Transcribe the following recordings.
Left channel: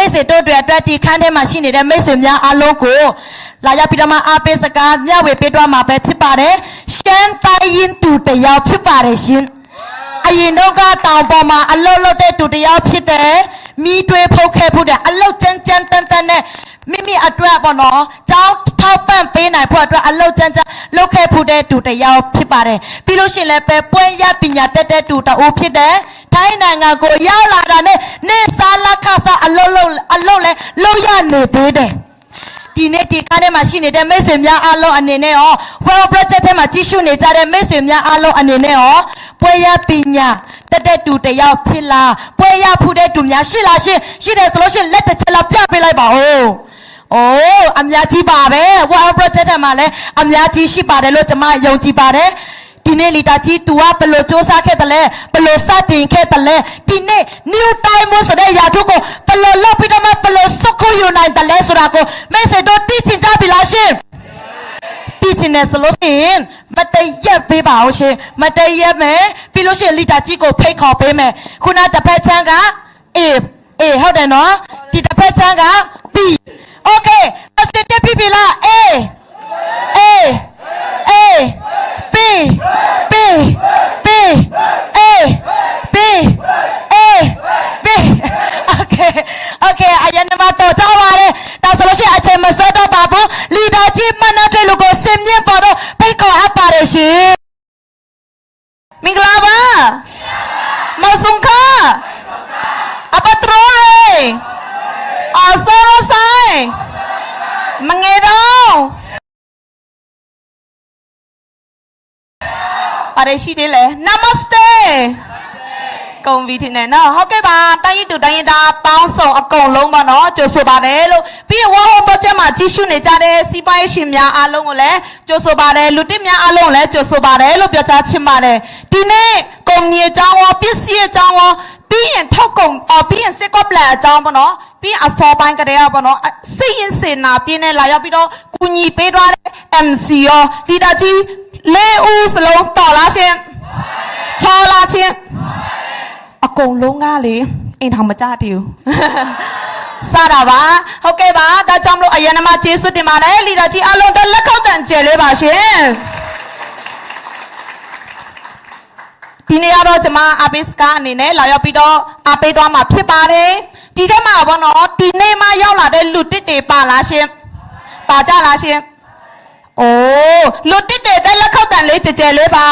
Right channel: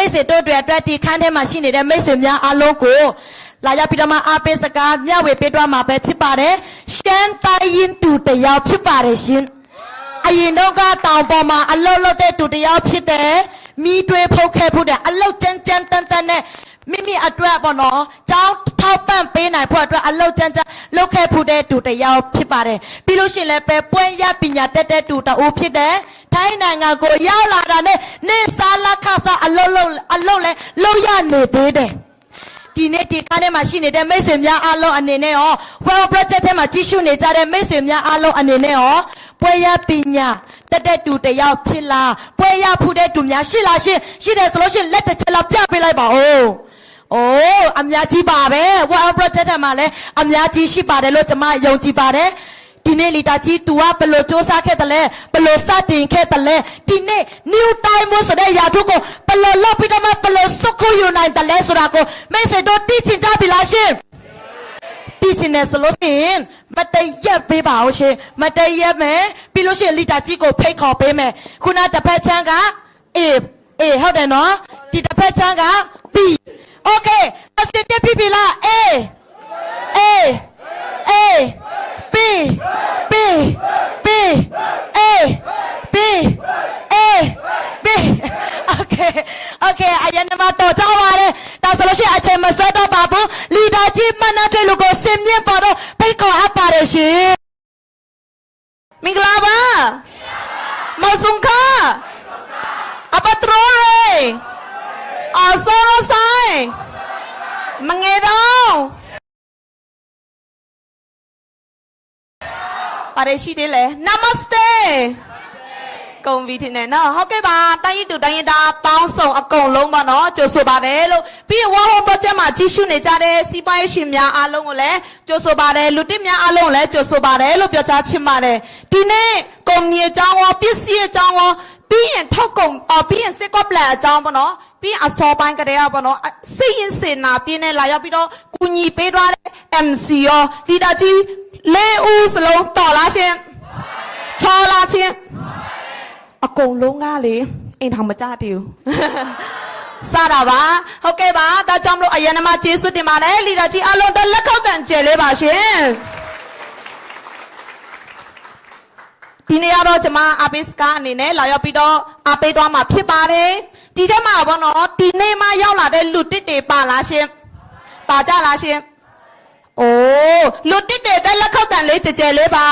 မိတ်ဆွေတို့တွေအတွက်ဒီခန်းထဲမှာရှိနေတဲ့မိတ်ဆွေများအားလုံးကိုလာရောက်ပြီးတော့မှအားပေးစကားမျှဝေပေးတော့မှာပဲဖြစ်ပါတယ်ရှမ်းတိုင်းရင်တူတယောက်ဖြစ်ပါတယ်ရှင်အရင်တော့ကတောင်ပေါ်မှာအလုတ်လုတ်တဲ့တူတယောက်ဖြစ်တယ်မိတွေးဖုတ်ခဲဖုတ်တဲ့အလုတ်ကြမ်းကြမ်းတန်တန်နဲ့မိမိအတွက်ပေါ့နော်ကျောင်းထောက်ပံ့ပေးနိုင်ဖို့အတွက်အလုတ်ကြမ်းကြမ်းလုပ်ခဲ့ဖို့တဲ့တူတယောက်ဖြစ်ပါတယ်ပြီးလို့ရှိရင်လည်းပဲပွဲရပညာတက်တဲ့တူတအိုးဖြစ်တယ်ထိုင်းနိုင်ငံကိုရောက်လာတာနဲ့နေစားလက်ခစားအလုတ်လည်းလုပ်ရနေသေးတယ်ဒီနေ့ဒီကားထဲမှာရှိနေတဲ့မိတ်ဆွေများအားလုံးအနေနဲ့ရော World Project ထဲမှာကြီးစုနေကြတဲ့မိတ်ဆွေများအားလုံးအနေနဲ့ရောပွဲရပညာတက်တဲ့တူတယောက်ဖြစ်လားပွဲရဖူးတဲ့တူများရှိလားရှိတယ်ဆိုလို့ရှိရင်လက်တစ်ချက်လောက်ပြပေးလိုက်ပါဦးโอ้အများကြီးပါပဲ World Project ထဲမှာလည်းအများကြီးရှိပါတယ်လို့ကျွန်မယုံကြည်ပါတယ်ဒီနေ့လီတာကြီး तू ကဘယ်လိုစ조사ခဲ့တယ်လဲဘယ်လိုစတင်ခဲ့တယ်လဲဒီနေ့ New Time ဆိုတဲ့ယာထုကိုဘယ်လိုလုပ်ပြီးတော့မှဘယ်လိုစုခုယူနိုင်တယ်လဲဆိုတာကိုမိတ်ဆွေတို့သိချင်ကြပြီလားရှင်သိချင်တယ်ဆိုလို့ရှိရင်မတရက်ပေးပါအောင်ရှင်မတရက်မယ်ပြီးလို့ရှိရင်လီတာကြီးကိုဖိတ်ခေါ်ပေးမယ်ခုနတစ်ဖက်ချမ်းကအေးဟုတ်တယ်နော်ဒီတစ်ဖက်ချမ်းက B Okay အစတက်ပြီလား A B B B A B A B Okay အရင်ကတော့ကြောက်ပါတယ်ဒါဆိုလို့ရှိရင်အချိန်မစောတော့ပါဘူးလီဒါကြီးမနတဲ့လူကိုစင်မြင့်ပေါ်တော့ဖိတ်ခေါ်အပ်ပါတယ်ရှင်မင်္ဂလာပါမဆုံခအပထရိုးအစောဆိုင်မငယ်တော့ပါရရှိတယ်လေ Namaste ကုံဗီထနေနော်ဟုတ်ကဲ့ပါတိုင်းရတူတိုင်းရတာပေါင်းစုံအကုန်လုံးပါနော်ကြိုဆိုပါတယ်လို့ပြီးရင်ဝါဟောပေါ်ချက်မှာကြီးစုနေကြတဲ့စီးပွားရေးရှင်များအားလုံးကိုလည်းကြိုဆိုပါတယ်လူတစ်များအားလုံးကိုလည်းကြိုဆိုပါတယ်လို့ပြောကြားချင်ပါတယ်ဒီနေ့ကုမ္ပဏီအကြောင်းရောပစ္စည်းအကြောင်းရောပြီးရင်ထုတ်ကုန်ပြီးရင်စစ်ကော့ပလန်အကြောင်းပေါ့နော်ပြီးအစောပိုင်းကတည်းကပေါ့နော်စိတ်ရင်စေနာပြင်းနဲ့လာရောက်ပြီးတော့ကူညီပေးသွားတဲ့ MC ရောလီဒါကြီး၄ဦးစလုံးတော်လားရှင်ချောလားချင်းအကုန်လုံးကလေအိမ်ထောင်မကြတည်ဘူးစားတာပါဟုတ်ကဲ့ပါဒါကြောင့်မလို့အရင်ကမှကျေးဇူးတင်ပါတယ်လီဒါကြီးအလုံးတစ်လက်ခောက်တန်ကျဲလေးပါရှင်ဒီနေ့ကတော့ကျွန်မအပိစကားအနေနဲ့လာရောက်ပြီးတော့အပေးသွားမှာဖြစ်ပါတယ်ဒီထဲမှာဘောနော်ဒီနေ့မှရောက်လာတဲ့လူတစ်တွေပါလားရှင်ပါကြလားရှင်အိုးလူတစ်တွေတက်လက်ခောက်တန်လေးကြဲလေးပါ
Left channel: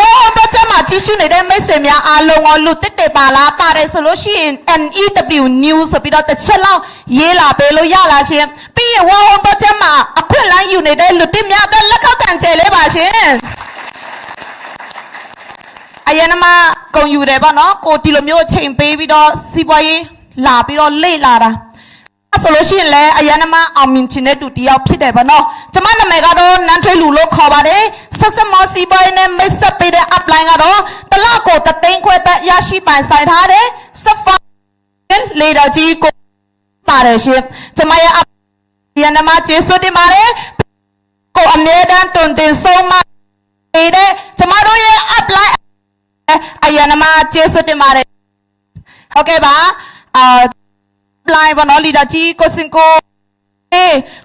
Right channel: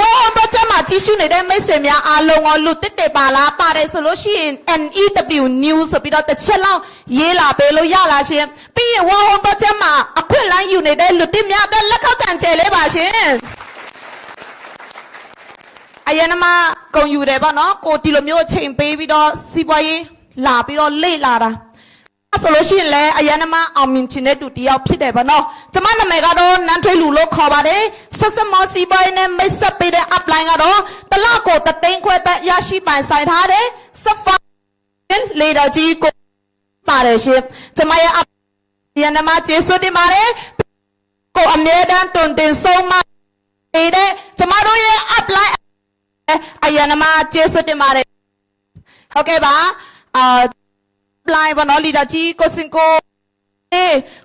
ဝါတော့ကျွန်မကြည့်ရှုနေတဲ့မိတ်ဆွေများအားလုံးကိုလူတစ်တွေပါလားပါတယ်ဆိုလို့ရှိရင် NEW News ဆိုပြီးတော့တစ်ချက်လောက်ရေးလာပေးလို့ရလားရှင်ပြီးရင်ဝါတော့ကျွန်မအခွင့်အလမ်းယူနေတဲ့လူတစ်များတက်လက်ခောက်တန်ကြဲလေးပါရှင်အရင်ကမှဂုံယူတယ်ပေါ့နော်ကိုဒီလိုမျိုးချိန်ပေးပြီးတော့စီးပွားရေးလာပြီးတော့လေ့လာတာအဲ့ဆိုလို့ရှိရင်လည်းအရင်ကမှအောင်မြင်ချင်တဲ့သူတယောက်ဖြစ်တယ်ပေါ့နော်ကျွန်မနာမည်ကတော့နန်းထွေးလူလို့ခေါ်ပါတယ်ဆက်စမောစီးပွားရေးနဲ့မိတ်ဆက်ပေးတဲ့ upline ကတော့တလကို3သိန်းခွဲပဲရရှိပိုင်ဆိုင်ထားတယ်ဆက်ဖာလေဒါကြီးကိုပါတယ်ရှင်ကျွန်မရဲ့အရင်ကမှကျေးဇူးတင်ပါတယ်ကိုအမြဲတမ်းတွင်တင်ဆုံးမနေတဲ့ကျွန်မတို့ရဲ့ uplineအရင်ကမှကျေးဇူးတင်ပါတယ်ဟုတ်ကဲ့ပါline ဘာလို့လီဒါကြီးကိုစင်ကို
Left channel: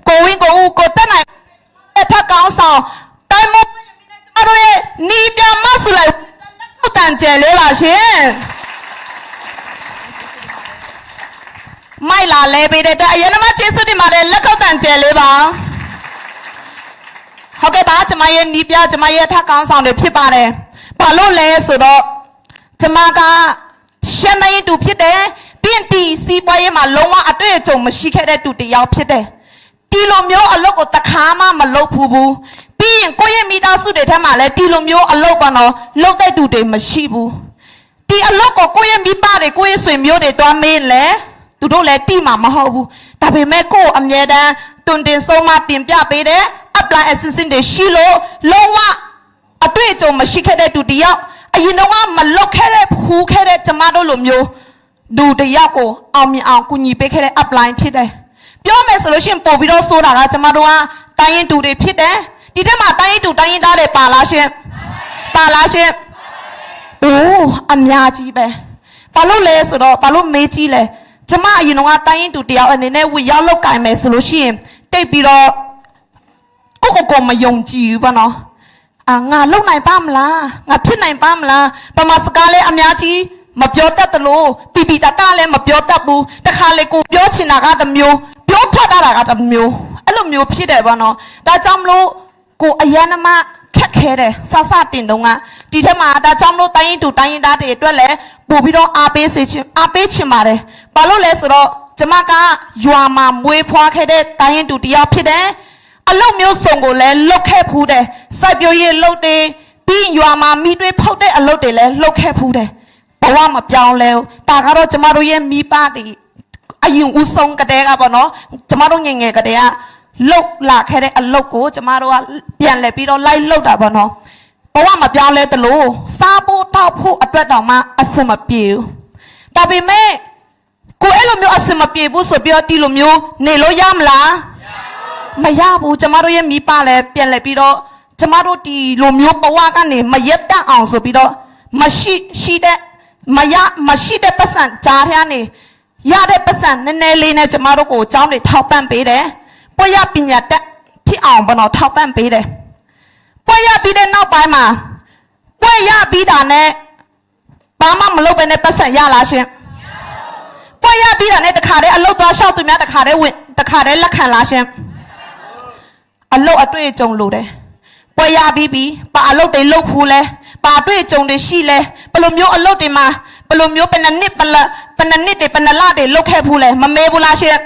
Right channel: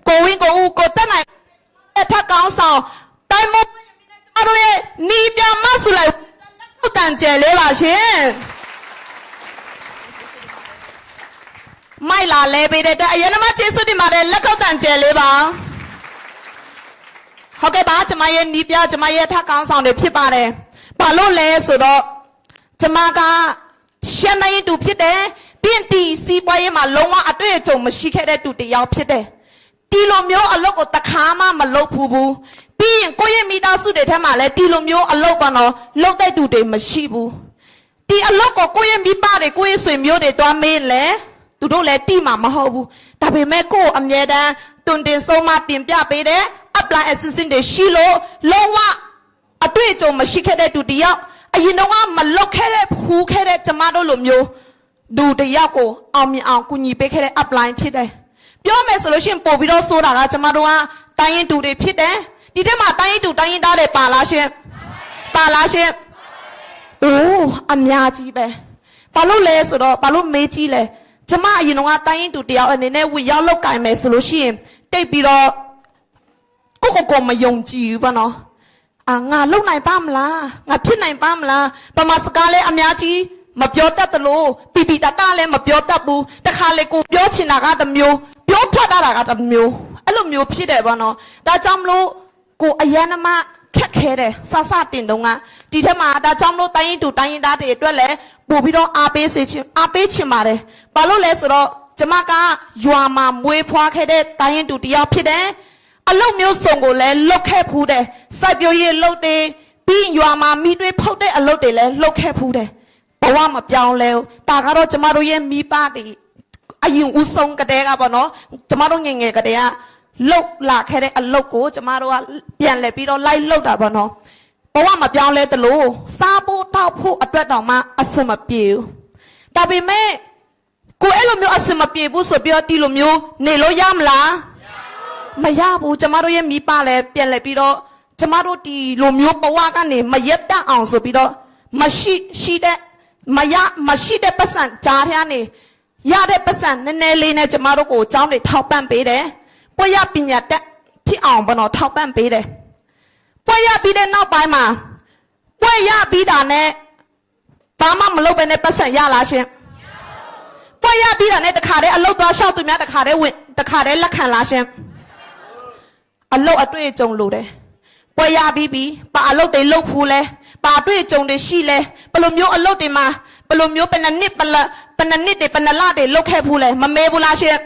ကိုဝင်းကိုဦးကိုတက်နိုင်ထပ်ကောင်းဆောင်တိုင်းမကျမတို့ရဲ့နီးပြမဆူလိုက်တန်ကျဲလေးပါရှင်မိုက်လာလဲပေးတဲ့အရင်ကမှကျေးဇူးတင်ပါတယ်လက်ခောက်တန်ကျဲလေးပါဟုတ်ကဲ့ပါကျမရဲ့နီးပြကျမရဲ့ထပ်ကောင်းဆောင်တွေဖြစ်ပါတယ်ဘာလို့လဲဆိုတော့ကျမကရှမ်းနိုင်တူဖြစ်တယ်ပြင်တီစီးပွားရေးမှာလုံးဝအတွေ့အကြုံမရှိခဲ့တဲ့သူတယောက်ဖြစ်တယ်ဒီလိုမျိုးအလုပ်ကိုတခါမှမလုပ်ဘူးပြီးရင်ကိုယ့်ရဲ့မိသားစုတွေထဲမှာလည်းဒီလိုမျိုးအလုပ်ပါတော့လုပ်တဲ့သူတွေမရှိဘူးဒီအလုပ်ကိုကိုယ့်ရဲ့မိဘတွေကိုယ့်ရဲ့ဆွေမျိုးတွေတွားမေးလဲသူတို့လည်းတိမှာမဟုတ်ဘူးဒါပေမဲ့ကိုယ့်အမြဲတမ်းတွင်တင်ဆုံးမတင်ပြပေးတဲ့ apply assistant တွေရှိလို့လုံးဝအတွေ့အကြုံမရှိခဲ့တဲ့သူတယောက်အရင်တော့မလွတ်ခဲ့တဲ့ဖူးခဲ့တဲ့ကျမတို့လိုမျိုးဒူတယောက်ကိုအောင်မြင်အောင်ကူညီပေးခဲ့တဲ့ upline ဖြစ်တယ်ပြောမယ်ဆိုလို့ရှိရင်ပို့ပြီးတော့ဆိုတာကကျမတို့ကတိုင်းရင်တူတွေဖြစ်တယ်ဒီထက်မှာတိုင်းရင်တူတိုင်းရင်သားတွေပါလားရှင်ပါလားရှင်အိုးအများကြီးပဲဘာလို့လဲဆိုတော့ဘာလို့မေးကြည့်လဲ ကျမအရင်တော့တိုင်းရင်တူတယောက်အနေနဲ့ဝရောက်လောက်ကင်မယ်ဆိုလို့ရှိရင်တိတ်ပြီးတော့ကိုမယုံကြည်ဘူးပေါ့နော်ငါလုံနိုင်ပါမလားငါဖြစ်နိုင်ပါမလားပမာစကားလဲအများကြီးမပြောတတ်တယ်လို့ပီပီတတလည်းမပြောတတ်ဘူးတခါလေကိုပြောချင်တာကတစ်မျိုးပြောထွက်တာကတစ်မျိုးအဲ့လိုမျိုးဖြစ်တယ်ပေါ့နော်ဒါကြောင့်မလို့ကိုအရန်မခက်ခဲတယ်ဆဆတင်တော့ကဒီထက်မှာဒါကြောင့်မလို့တိုင်းရင်တူတိုင်းရင်သားတွေအတွက်လည်းပို့ပြီးတော့အားပေးချင်ပါတယ်ဘာလို့လဲဆိုတော့ကျမကရွာမှာမွေးဖွားခဲ့တဲ့တိုင်းရင်တူတရားဖြစ်တယ်အလုပ်မျိုးစုံကိုလည်းလုတ်ခဲ့ဖူးတယ်စိုက်ပျိုးရေးလုတ်တယ်ပြီးရွာမှာမိတွေးဖောက်တဲ့အလုပ်တွေလည်းလုတ်ခဲ့ဖူးတယ်ဘဝမပြောင်းလဲဒါကတော့ကျမတို့ရဲ့မိဘတွေအရင်ဦးဆုံးကတည်းကပေါ့နော်ကျမတို့ငယ်ငယ်ကတည်းကလုတ်လာခဲ့တဲ့အလုပ်ကိုကျမတို့ကပြန်လဲပြီးတော့လိုက်လုတ်တာပေါ့နော်ဘဝမပြောင်းလဲတလို့စားဖို့တောက်ဖို့အတွက်တောင်မှအဆင်မပြေဘူးဒါပေမဲ့ကိုအဲ့လိုမျိုးအဆင်မပြေဘူးဆိုပြီးတော့ဒီလိုမျိုးနေလို့ရမလားမရဘူးကျမတို့ရဲ့မိဘလည်းပြန်လဲပြီးတော့ကျမတို့ဒီလိုမျိုးဘဝကနေမရက်တတ်အောင်ဆိုပြီးတော့မရှိတဲ့ပတ်စံကြားထဲကနေရတဲ့ပတ်စံနည်းနည်းလေးနဲ့ကျမတို့ကိုအကြောင်းတွေထောက်ပံ့ပေးတယ်ပွက်ရပညာတတ်ဖြစ်အောင်ဘနော်ထောက်ပံ့ပေးတယ်ပွက်ရပြီးတဲ့နောက်ပိုင်းမှာပွက်ရပြီးတာနဲ့ဘာမှမလုပ်ဘဲနဲ့ပတ်စံရလားရှင်ပွက်ရပြီးတာနဲ့တခါတည်းအလုပ်သွားလျှောက်သူများတခါတည်းလက်ခံလားရှင်အလုပ်အတွေ့အကြုံလိုတယ်ပွက်ရပြီးပြီပါအလုပ်တွေလုပ်ဖူးလဲပါအတွေ့အကြုံတွေရှိလဲဘယ်လိုမျိုးအလုပ်တွေမှာဘယ်လိုမျိုးဘယ်နှစ်နှစ်တွေဘယ်နှစ်လတွေလုပ်ခဲ့ဖူးလဲမမေးဘူးလားရှင်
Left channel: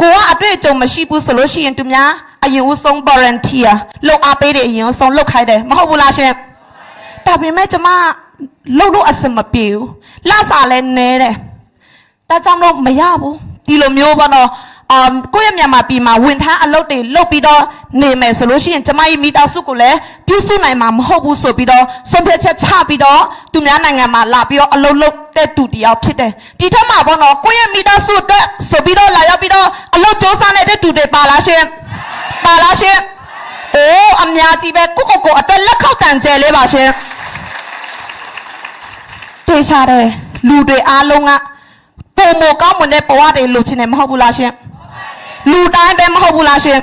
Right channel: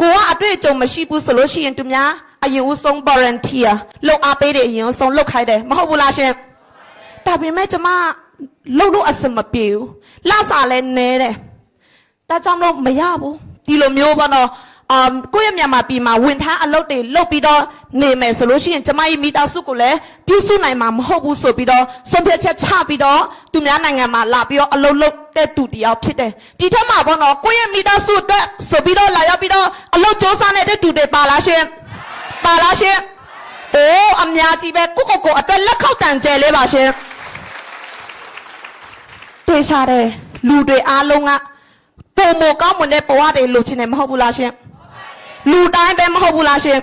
ကိုကအတွေ့အကြုံမရှိဘူးဆိုလို့ရှိရင်သူများအရင်ဦးဆုံး volunteer လုပ်အားပေးတယ်အရင်ဦးဆုံးလုပ်ခိုင်းတယ်မဟုတ်ဘူးလားရှင်ဒါပေမဲ့ကျမလုပ်လို့အဆင်မပြေဘူးလစာလည်းနည်းတယ်ဒါကြောင့်လို့မရဘူးဒီလိုမျိုးပေါ့နော်ကိုယ့်ရဲ့မြန်မာပြည်မှာဝန်ထမ်းအလုပ်တွေလုပ်ပြီးတော့နေမယ်ဆိုလို့ရှိရင်ကျမရဲ့မိသားစုကိုလည်းပြုစုနိုင်မှာမဟုတ်ဘူးဆိုပြီးတော့ဆုံးဖြတ်ချက်ချပြီးတော့သူများနိုင်ငံမှာလာပြီးတော့အလုပ်လုပ်တဲ့သူတယောက်ဖြစ်တယ်ဒီထက်မှာပေါ့နော်ကိုယ့်ရဲ့မိသားစုအတွက်ဆိုပြီးတော့လာရောက်ပြီးတော့အလုပ်စ조사နေတဲ့သူတွေပါလားရှင်ပါလားရှင်အိုးအများကြီးပဲကိုအတွက်လက်ခောက်တန်ကျဲလေးပါရှင်တွေ့စားတယ်လူတွေအားလုံးကပုံမကောင်းမွန်တဲ့ဘဝတွေလူချင်းနေမဟုတ်ဘူးလားရှင်လူတိုင်းပဲမဟုတ်ဘူးလားရှင်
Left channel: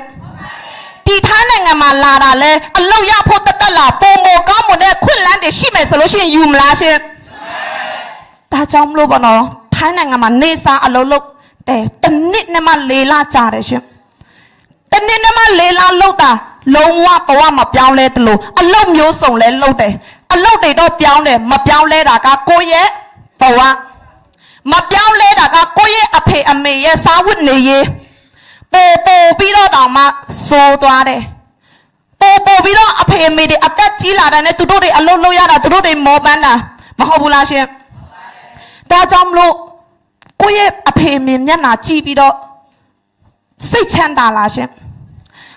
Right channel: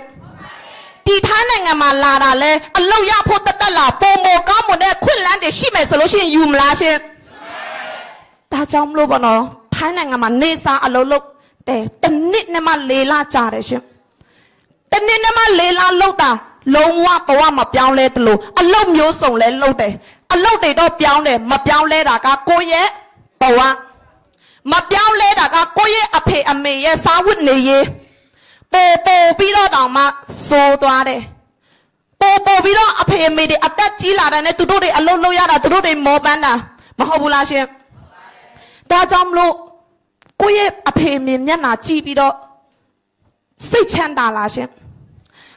ဒီထားနိုင်ငံမှာလာတာလဲအလောက်ရဖို့တက်လာပုံမကောင်းမွန်တဲ့ခွင့်လန်းတွေရှိမယ်ဆိုလို့ရှိရင်ယူမလားရှင်ဒါကြောင့်မလို့ပါနော်ထိုင်းနိုင်ငံမှာနေစားအလုပ်လုပ်တယ်တနစ်နဲ့မှ4လကြာတယ်ရှင်တနစ်နဲ့မှ4လလုပ်တာလုံးဝဘဝမပြောင်းလဲတလို့အလုပ်မျိုးစုံလဲလုပ်တယ်အလုပ်တွေတော့ပြောင်းတယ်မပြောင်းလဲတာကကိုယ့်ရဲ့ဘဝမပြောင်းလဲတာကကိုယ့်ရဲ့အဖေအမေရဲ့စားဝတ်နေရေးပို့ပြီးတော့တောင်မှစိုးသွားတယ်ပို့ပြီးတော့အဖေအမေတွေအသက်ကြီးလာတယ်နဲ့သူတို့တွေအလုပ်လုပ်ရတာသူတို့တွေမောပန်းတာမဟုတ်ဘူးလားရှင်ဒါကြောင့်မလို့ကိုယ့်ရဲ့အဖေအမေမျက်နှာကြည့်ပြီးတော့စိတ်ချမ်းသာလားရှင်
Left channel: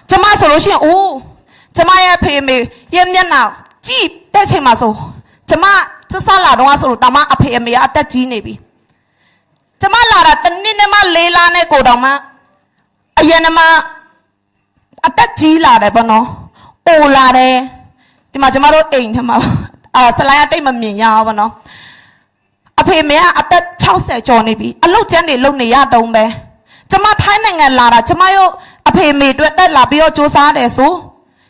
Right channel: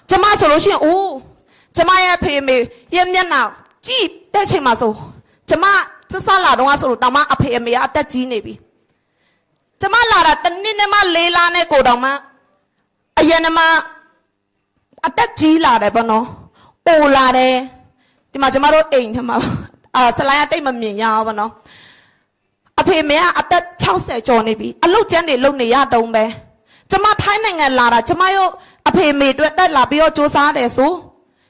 ကျမဆိုလို့ရှိရင်အိုးကျမရဲ့အဖေအမေရဲ့မျက်နှာကြည့်တဲ့ချိန်မှာဆိုကျမစစလာတော့ဆိုလို့တောင်မှအဖေအမေကအသက်ကြီးနေပြီကျမလာတာတနည်းနဲ့မှ4လနဲ့ကိုတောင်မှအရင်မှအသက်ကြီးလာတယ်ပေါ့နော်အိုလာတယ်ဒီမှာကျမတို့အိမ်ထဲမှာဆလိုင်းတိတ်မမြင်ရအောင်ပေါ့နော်အဖေမေကအသက်60ကျော်နေပြီအလုပ်ကျန်းတွေလုပ်နေရတုံးပဲကျမထိုင်းနိုင်ငံလာတာကျမတို့အဖေမေအတွက်တက်လာပြီးတော့စူးစမ်းတယ်ဆို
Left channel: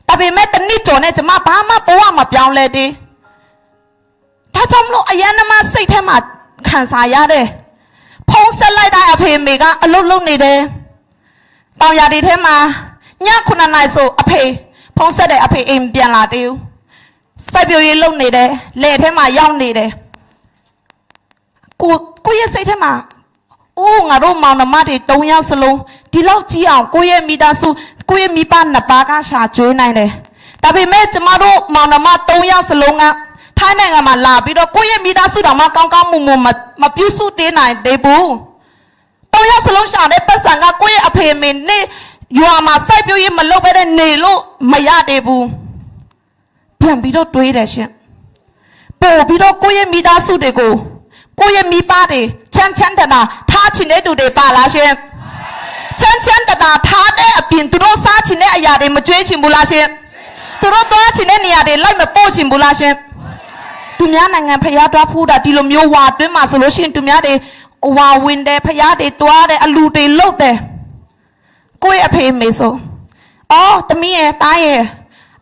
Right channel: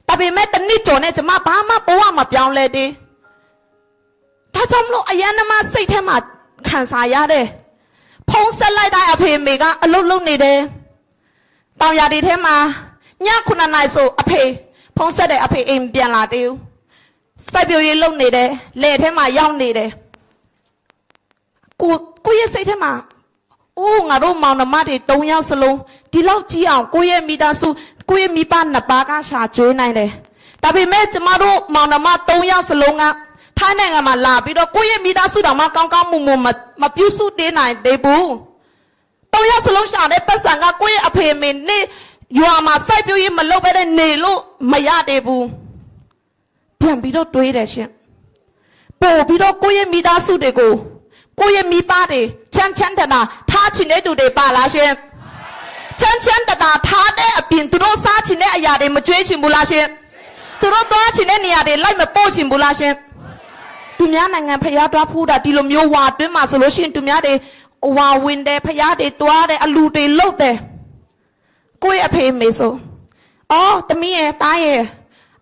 ဒါပေမဲ့တနည်းကျော်နဲ့ကျမဘာမှဘဝမပြောင်းလဲသေးဒါကြောင့်မလို့အရင်မှစိတ်ထဲမှာခံစားရတယ်ဖုံးဆက်လိုက်တဲ့အဖေမေကအလုပ်လုပ်နေတယ်တောင်ရည်ထဲမှာည9နာရီဆိုအဖေဖုံးဆက်တဲ့အဖေအိမ်ပြန်လာသေးဘူးစိုက်ပျိုးရေးလုပ်နေတယ်လေထဲမှာရောက်နေတယ်ကိုရဲ့စိတ်ထဲမှာအိုးငါတို့မောင်နှမတွေ3ယောက်စလုံးဒီလောက်ကြီးအောင်ကိုရဲ့မိသားစုကိုရဲ့မိဘနှစ်ပါးကရှာကျွေးနိုင်တယ်ဒါပေမဲ့ကျမတို့မောင်နှမ3ယောက်စလုံးကထိုင်းနိုင်ငံမှာလာပြီးတော့ကိုရဲ့မိသားစုတော်မှကောင်းကောင်းမွန်မွန်မပြုစုသေးနိုင်သေးဘူး3ယောက်စလုံးရှာတဲ့ပတ်စံကကိုရဲ့အဖေအမေနဲ့ရွာမှာစိုက်ပျိုးရေးမလုပ်ဘဲနဲ့နေလို့မရသေးဘူးပြန်ပြီးတော့တွေးတယ်ရှင်ပို့ပြီးတော့ကိုရဲ့မိသားစုတွေကိုကိုရဲ့မိဘတွေချမ်းတနာထားချင်တဲ့သူတွေပါလားရှင်ချမ်းတနာထားတဲ့အပြင်သူတို့စားချင်တဲ့အရာတွေမကြွေးချင်ဘူးလားရှင်သူတို့သွားချင်တဲ့နေရာတွေလိုက်မပို့ချင်ဘူးလားရှင်သူများနိုင်ငံဖျားသွားဖူးတာဒီလိုမျိုးဝါတွင်းမှာဆိုလို့ရှိရင်သူများတွေ ဝါဝင်တယ်ဖျားတွေတွားတယ်အလူတွေလှုပ်တယ်ကိုယ့်အဖေမေဆိုအော်သမီးရဲ့တားရဲ့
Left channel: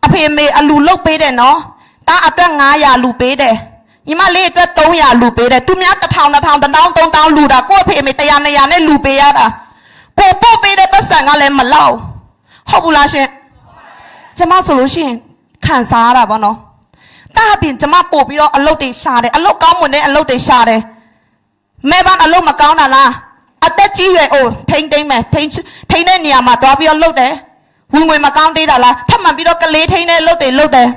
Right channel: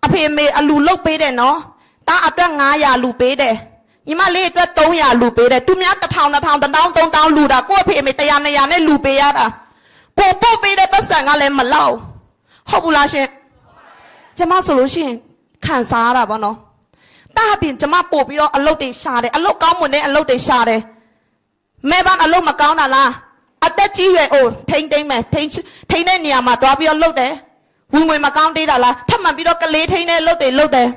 အဖေမေအလူလှုပ်ပေးတယ်နော်တားအတွက်900လူပေးတယ်ညီမလေးအတွက်300လူပေးတယ်သူများ1000 3000လူတာကိုယ့်အဖေမေ100 200နဲ့လူပေးရတာကိုပို့ပေးတဲ့ပတ်စံကလည်းမလောက်ဟုတ်ဘူးလားရှင်ကျမဆိုလို့ရှိရင်ခံစားရတာပေါ့နော်တားအပြင်ကျမပို့ပြီးတော့အလုပ်တွေရှာတယ်အလုပ်ကောင်းမွန်တဲ့အလုပ်တွေရှာတယ်မဲဘာအလုပ်မကောင်းတာလားအသက်ကြီးရွယ်အိုထိမ့်သိမ့်မယ်ထိမ့်တဲ့နေရာမှာတွားပြီးတော့လုပ်တယ်ဝင်ငွေမကောင်းသေးတာလားထပ်မှန်ပြီးတော့ကလေးထိမ့်တဲ့လုပ်တွေလုပ်တယ်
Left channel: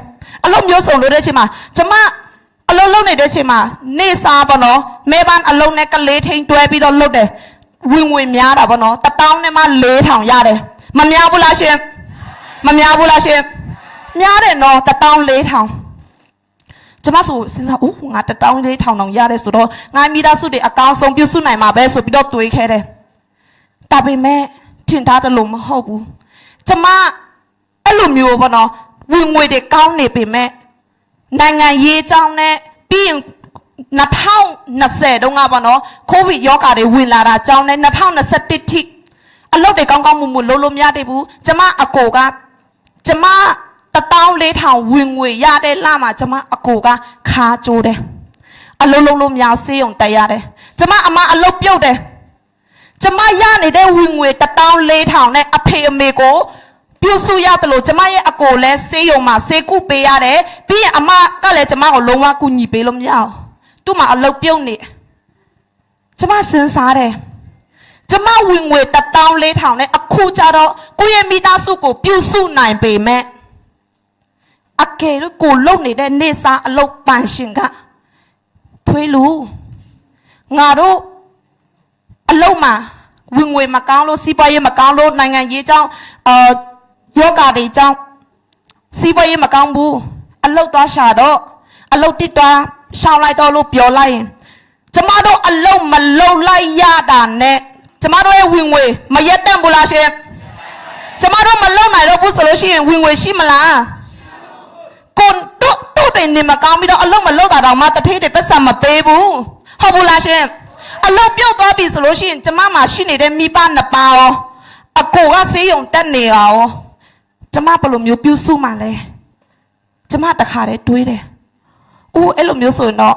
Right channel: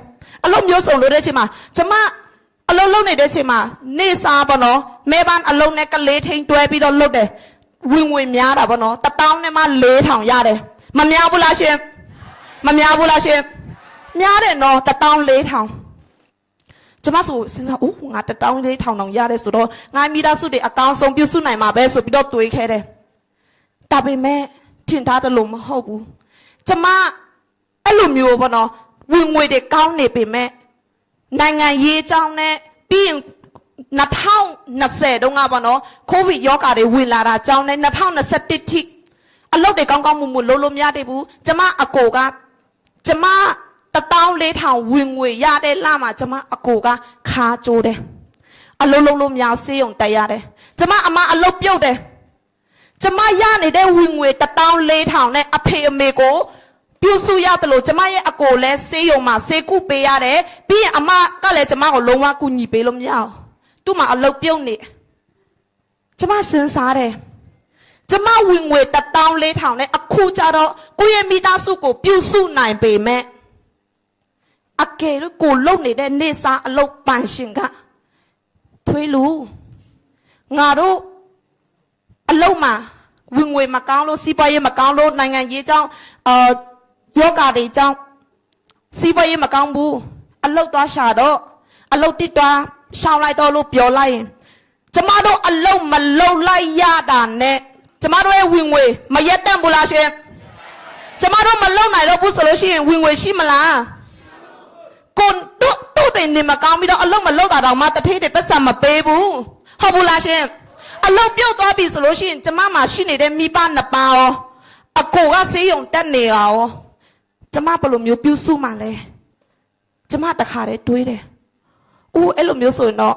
အလုပ်မျိုးစုံလုပ်တဲ့အချိန်မှာကျမအလုပ်လုပ်နေတဲ့အချိန်မှာနေစားပေါ့နော်မဲဘာအလုပ်နဲ့ကလေးထိမ့်တွဲပြီးတော့လုပ်တယ်ဝင်ငွေများတာပေါ့နော်1000နဲ့မှ4000ရတယ်မများဘူးလားရှင်မများဘူးလားရှင်များတယ်နော်1000 4000ကျမဆိုစဉ်းစားဦးငါ1000 4000တောင်ရတယ်ဆိုတော့ငါမိသားစုတွေအကောင်းဆုံးပြုစုနိုင်မှာပဲဆိုပြီးတော့တွေးခဲ့တယ်ဒါပေမဲ့ထင်ထားတယ်လို့မဟုတ်ဘူးကျမအဲ့လိုမျိုးပေါ့နော်ဝင်ငွေတွေကောင်းနေပေမဲ့နိုင်ငံရေးအကြောင်းနဲ့ပြီးရင်2020တုန်းကပေါ့နော်ကိုဗစ်ရောဂါတွေဝင်လာတာအကြောင်းနဲ့2021ထိအလုပ်တွေကောင်းကောင်းမွန်မွန်လုပ်လို့မရသေးဘူးကျမအကိုကကျမ1000 4000ဝင်ငွေရတဲ့လမှာကျမအကိုကခါကြိုးတယ်အလုံးလုံးလို့များစေးုံတက်ရတယ်ကျမအမအလုပ်ပြုတ်တယ်ကျမရနေတဲ့ဝင်ငွေ1000 4000နဲ့အဖေအမေကိုပြုစုရတယ်လို့ကျမရဲ့အကိုလည်းစေးုံမှာစေကုပေးရတယ်ပြီးရင်အမကလည်းကျမကိုလုံးဝကူညီပေးလို့မရအောင်သူ့မှာအလုပ်ပြုတ်နေကျမစဉ်းစားတယ်ကျမဝင်ငွေ1000 4000နဲ့အခုကြတော့ကိုယ့်ရဲ့မိသားစုကိုပြုစုနိုင်ပေမဲ့အကယ်လို့ကိုလုံနေတဲ့နေစာအလုပ်ပန်ရှင်ကထွေးလူငါတို့အလုပ်မှာဝင်ငွေမကောင်းလို့စီးပွားရေးမကောင်းလို့နိုင်ငံရေးကြောင့်ယောဂတွေကြောင့်စီးပွားရေးမကောင်းဘူးအလုပ်သွားရှာတော့အလုပ်တစ်သွားရှောင်းလိုက်တော့လို့ပြောလိုက်ရင်ကျမတို့အလုပ်မလုပ်လိုက်ရတာနဲ့ကျမတို့ရဲ့ဝင်ငွေမရက်တန့်ဘူးလားရှင်ကျမတို့မလုပ်နိုင်တော့ဘူးဆိုလို့ရှိရင်ဝင်ငွေရှိမလားကိုတို့တွေနေမကောင်းပြီးတော့အလုပ်မလုပ်တာတော့မှတထေးတွေပတ်စံမပေးဘူးဟုတ်ဘူးလားရှင်အလုပ်ပြုတ်သွားပြီဆိုလို့ရှိရင်ကျမမှာရှိနေတဲ့မိဘနှစ်ပါးရောအကိုကဆေးရုံတက်နေရောကျမဘယ်လိုမျိုးပြုစုမှလဲကျမတခါတည်းတွေးတယ်အိုးအဲ့လိုမျိုးဆိုရင်တော့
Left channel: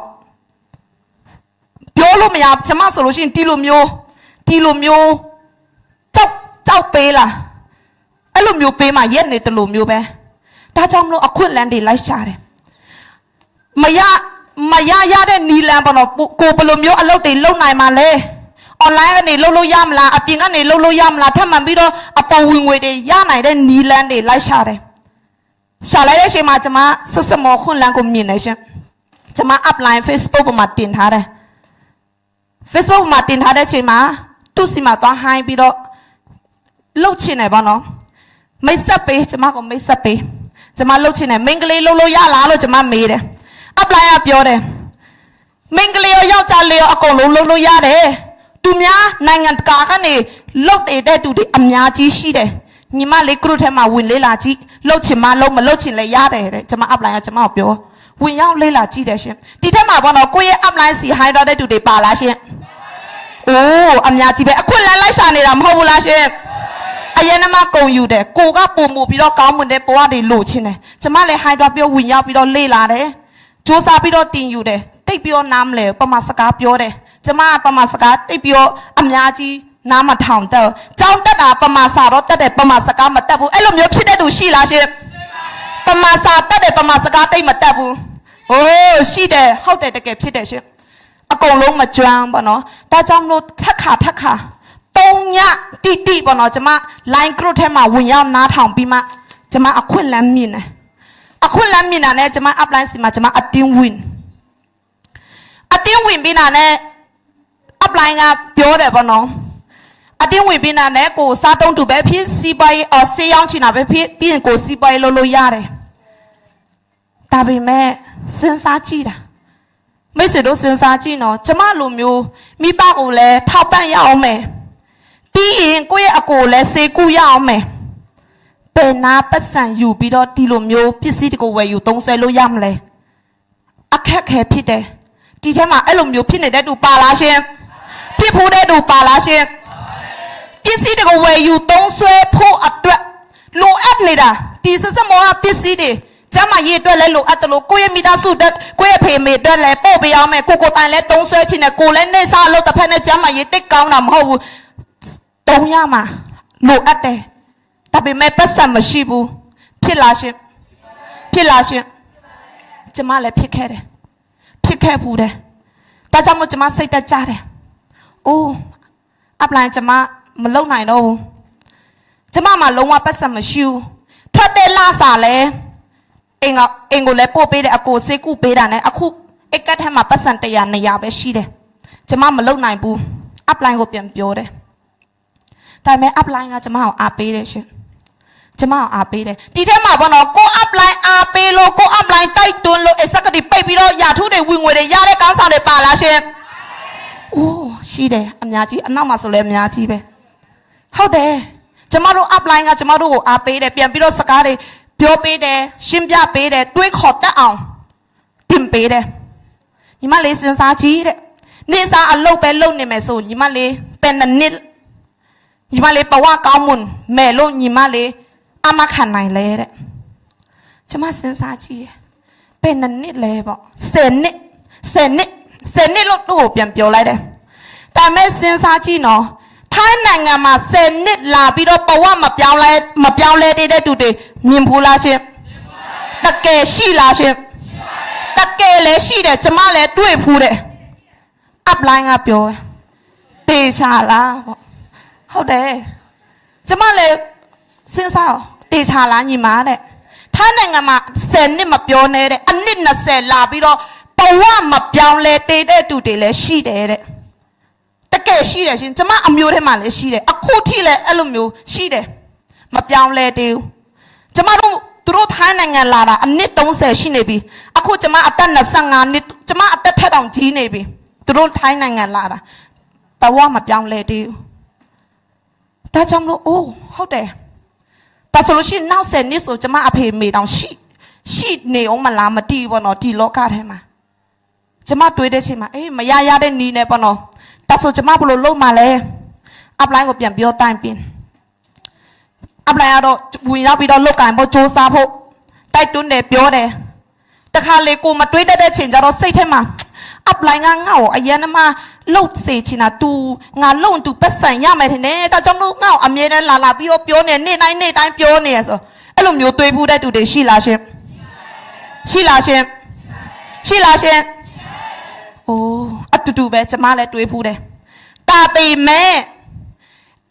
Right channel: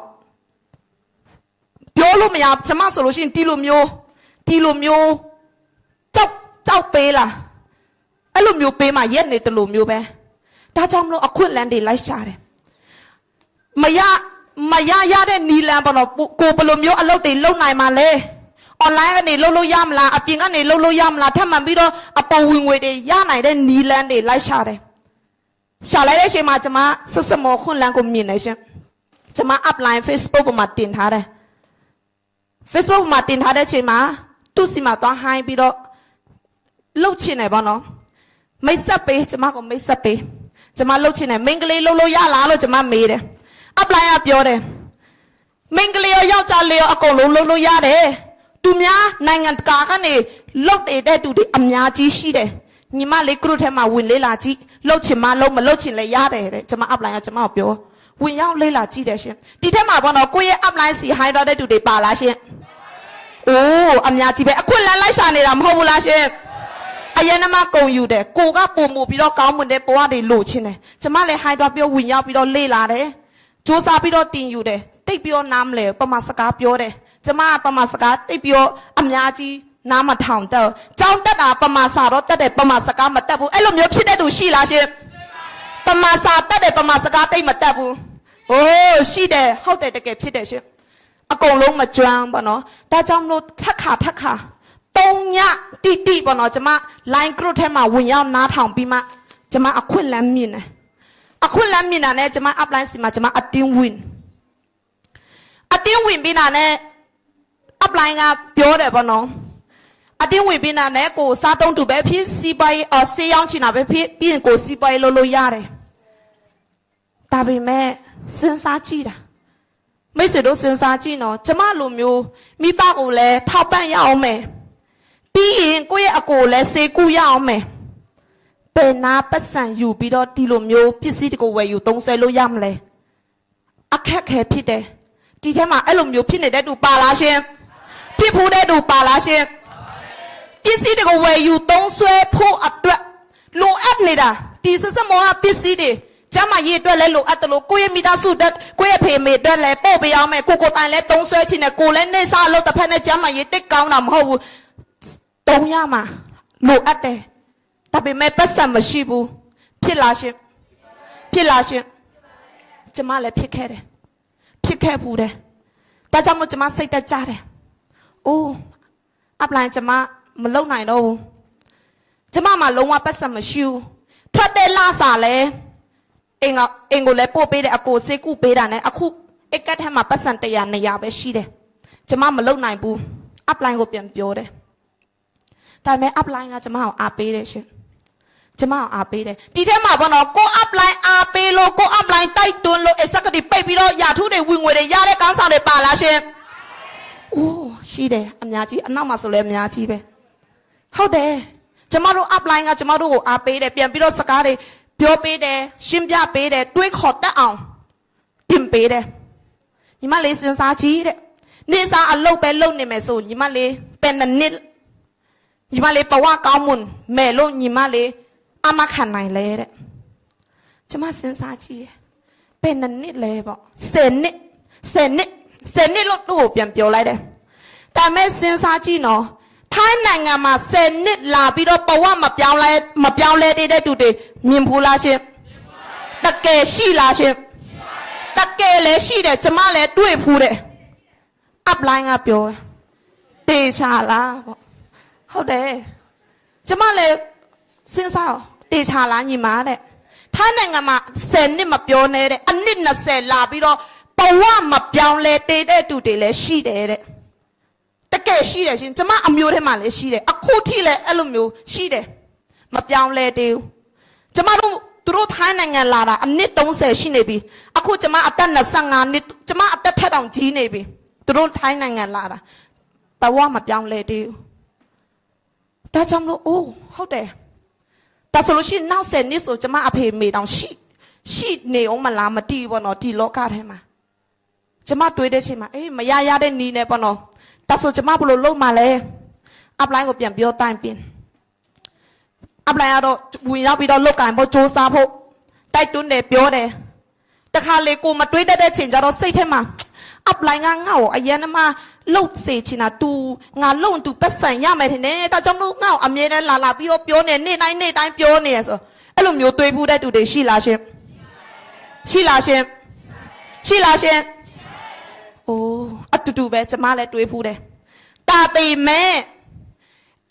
ပြောလို့မရကျမဆိုလို့ရှိရင်ဒီလိုမျိုးကြောက်ပေးလားအဲ့လိုမျိုးပေးမှရက်နေတယ်လို့မျိုးပဲဒါကြောင့်မလို့အခွင့်အလမ်းတွေလိုက်ရှာတယ်မရတဲ့နီလန်ပေါ့နော်ကိုဘယ်လိုမျိုးအလုပ်တွေလုပ်နိုင်မှာလဲအွန်လိုင်းကနေလုပ်လို့ရမလားအပြင်ကနေလုပ်လို့ရမလားထပ်မှန်ပြီးတော့အပေါ်ဝင်ငွေတွေရနိုင်တဲ့နီလန်တွေလိုက်ရှာတယ်ရှာလိုက်တဲ့အချိန်မှာကျမဆက်မောခွင့်လန်းကိုမြင်နေရှင်ကျမ upline Facebook ပေါ်မှာတင်ထားတယ် Facebook ပေါ်မှာတင်ထားတဲ့အချိန်မှာသူ့စီမှာသွားဟိုင်းပြီးတော့လှုပ်ချင်တယ်ပေါ့နော်မိတ်ဆက်ပေးကျမကမိတ်ဆက်ပေးကျမလှုပ်ချင်တယ်မိန်းကလေးလှုပ်လို့ရလားလို့ကျမမေးတယ် upline ကပြောတယ်မိန်းကလေးရောယောက်ျားလေးရောအကုန်လုံးလှုပ်လို့ရတယ်သူများနိုင်ငံတကာကနေလှုပ်တဲ့သူတွေအများကြီးရှိတယ်ညီမလေး group ထဲမှာဝင်လေးလာကြည့်လှုပ်ချင်မလှုပ်မလှုပ်ချင်လည်းရတယ်တဲ့ကျမ upline ကကျမကိုပြောဝင်ရောက်လေးလာကြည့်တယ်ရှင်ဒီထက်မှာပေါ့နော်ကိုယ့်ရဲ့ upline စီ high တော့တဲ့သူတွေပါလားရှင်အိုးအများကြီးပဲအခွင့်အလမ်းလိုက်ရှာနေတာမဟုတ်ဘူးလားရှင်အရင်ကမှကုန်ယူတယ်ကိုကပုံမှုပြီးတော့ကောင်းမွန်တဲ့ဘဝတွေလိုချင်တယ်ကျမလည်း high တော့ပြောဝင်ရောက်ပြီးတော့လေးလာတယ်စူးစမ်းပြီးတော့တင်ယူတယ်တိတ်ပြီးတော့နားမလဲပမာစကားပြောတယ်ကျမပမာစကားတိတ်ပြီးတော့အများကြီးနားမထောင်တော့ကြောင်းတက်တာပမာစာတော့တက်တယ်ပမာစကားမတက်ဘူးအဲ့လိုမျိုးဖြစ်တဲ့သူရှိလားရှင်ပမာစာတက်တယ်ပမာစကားတိတ်မတက်ဘူးဟိုးရှိတယ်ဟုတ်တယ်တကယ်ဖြစ်တယ်ရှင်အကုန်လုံးမကျွမ်းပါနော်ဒါကြောင့်လို့ထက်ခါ3ညတိပေါ့နော်ကျမ line group ထဲမှာဝင်ရောက်နားထောင်ပြီးမှကျမအခွင့်လမ်းမြင်တယ်အခွင့်လမ်းမြင်တာနဲ့ကျမ upline စီမှာကျမအတင်းဝင်ပြီးတာနဲ့ upline ကပြောတယ်ပေါ့နော်အတင်းဝင်ပြီးတာနဲ့ကိုစားတုံးတူပဲဖြစ်စီးပွားရေးဆေးရောင်းချင်တာပဲဖြစ်ပြီးရင်ကိုစီးပွားရေးလုပ်လို့ရတယ်ဒါပေမဲ့စဉ်းစားကြည့်တာမိတ်ဆွေတို့စဉ်းစားကြည့်နော်ကျမလိုမျိုးမိဘကိုလည်းထောက်ပံ့ရအောင်မယ်ပြီးရင်ကိုယ့်ရဲ့အကိုလည်းစေကူရအောင်မယ်ဘယ်နာပတ်စံယူပြီးတော့ဒီလိုမျိုးပစ္စည်းတကူဝယ်ယူသုံးဆွဲလို့ရမလဲအခက်ခဲဖြစ်တယ်ဒီထဲမှာအဲ့လိုမျိုးဖြစ်နေတဲ့သူပါလားရှင် ဖြစ်ဖို့တဲ့သူပါလားရှင်ပစ္စည်းတွေကိုဝယ်ယူသုံးဆွဲဖို့အတွက်လိုအပ်နေတာဒီစစမောပစ္စည်းတွေကျမရေးအတွက်လဲလိုအပ်တယ်လို့ကိုယ့်ရဲ့မိသားစုအတွက်ကိုယ့်ရဲ့ဖေမေအတွက်လဲပို့ပေးအောင်မယ်ကိုတိုင်လဲသုံးဆွဲချင်တယ်ကိုလည်းနေစားလို့တစ်ဖက်နဲ့ကျမရေးတိတ်ကောင်းတာမဟုတ်ဘူးတုံးရမှာလိုအပ်တယ်ဒါပေမဲ့ပတ်စံမရှိဘူးဖြစ်လာရှင်ကျမလည်းဖြစ်ခဲ့တယ်ဖြစ်ခဲ့ဘူးတယ်ဒါကြောင့်မို့ကျမစိတ်တက်ကြတယ်အိုးအပလိုင်းကျမမလုံနိုင်တော့ဘူးကျမမှလုံးဝပတ်စံမရှိဘူးထပ်တဲ့လာစားလဲအင်ကိုလည်းပို့ပေးတယ်အကိုစေးကုပေးတာနဲ့အခုအိတ်ကတ်ထဲမှာပတ်စံ100 200ပဲရှိတယ်ကျမမလုံနိုင်ဘူးအပလိုင်းကိုပြန်ပြောတယ်ဒါပေမဲ့အပလိုင်းကကျမကိုအားပေးတယ်ရှင်ကျမကိုအားပေးတယ်ဒီထဲမှာဘောနော်ကိုအပလိုင်းအားပေးလို့ကိုအပလိုင်းတိုက်တွန်းလို့အစကတိပိတ်ပြီးတော့ရာထုတွေဝင်ငွေတွေရတဲ့ကောင်းဆောင်တွေပါလားရှင်အိုးရှိတယ်အများကြီးအနောက်မှာဆိုလဲအများကြီးပဲဟုတ်တယ်ကျမတို့အပလိုင်းကကျမတို့ကိုအားပေးတယ်ပြန်ပြီးတော့စကားတွေပြောပေးတယ်ရှင်းပြပေးတယ်တွေးခေါ်တတ်အောင်တင်ပေးတယ်ညီမလေးစဉ်းစားကြည့်တဲ့နေစားအလုပ်ပဲလုပ်နေမယ်ဆိုညီမလေးเป็นနှစ်ညီမလေးဘဝကောင်းမွန်မဲ့လို့ညီမလေးအမခံနိုင်လဲတဲ့ကျမစဉ်းစားကြည့်เป็นနှစ်လဲပေါ့10နှစ်လို့သူ့ကိုပြန်ပြောလိုက်တယ်ဒါမဲ့စဉ်းစားကြည့်နော်ထိုင်းနိုင်ငံမှာ10နှစ်လာပြီးတော့ဘဝမပြောင်းလဲတဲ့တူတွေမြင်ဘူးလားရှင်တကယ်ရှိလားရှင်တကယ်လည်းရှိတယ်ကျမလည်းတွေ့ဖူးတယ်အပလိုင်းကပြောတေချာလားပေါ့ဟုတ်တယ်ကျမလည်းစဉ်းစားတေချာလားညီမတဲ့ထိုင်းနိုင်ငံမှာ10နှစ်မပြောနဲ့တဲ့အနှစ်20လာပြီးတော့ဘဝမပြောင်းလဲတဲ့တူတွေလည်းရှိတယ်တဲ့တကယ်ရှိတယ်ရှင်ကျမအမျိုးထဲမှာလည်းရှိတယ်အခုထိလည်းအဲ့လိုမျိုးရှိတယ်မပြောင်းလဲသေးဘူးကျမတို့သူတို့ထိုင်းနိုင်ငံလာတာအနှစ်30ရှိနေပြီအခုကျမအသက်25နှစ်ကျမအသက်ထက်တောင်ကြီးနေပြီသူတို့ထိုင်းနိုင်ငံလာတာဘဝမပြောင်းလဲသေးဘူးဒါကြောင့်လို့အိုးဟုတ်တယ်ဒါဆိုလို့ရှိရင်နောက်10နှစ်ဆိုကျမအဖေမေတောင်ရှိနေအောင်မလားမတည်ဘူးပေါ့နော်ဒီလောကထဲမှာကျမတွေးတဲ့ချိန်မှာအေးမရတဲ့နီးနေပေါ့နော်ဒါဆိုကျမဘယ်လိုလုပ်မှလဲအပလိုင်းကိုပြန်ပြောတိုင်ပင်အပလိုင်းကတော့ဝင်ရောက်ပြီးတော့လုတ်ကင်ဖို့စူးစမ်းဖို့တိုက်တွန်းတယ်ပြောတယ်တခါလေကိုမတွေးတတ်တဲ့ချိန်ကျတော့စိတ်ထဲမှာအပလိုင်းကငါ့ကိုအရင်ကမှလှုပ်စေချင်တာ तू ငါလုံ तू ပတ်စံရမယ်ထင်တယ်ဒါကြောင့်လို့ငါ့ကိုအမြဲတမ်းလာပြီးတော့ပြောနေနေ့တိုင်းပြောနေရဆိုအဲ့လိုမျိုးတွေးဖို့တဲ့တူတွေရှိလားရှင်အိုးအတူတူပဲကျမလည်းတွေးဖို့တယ်တာပေမဲ့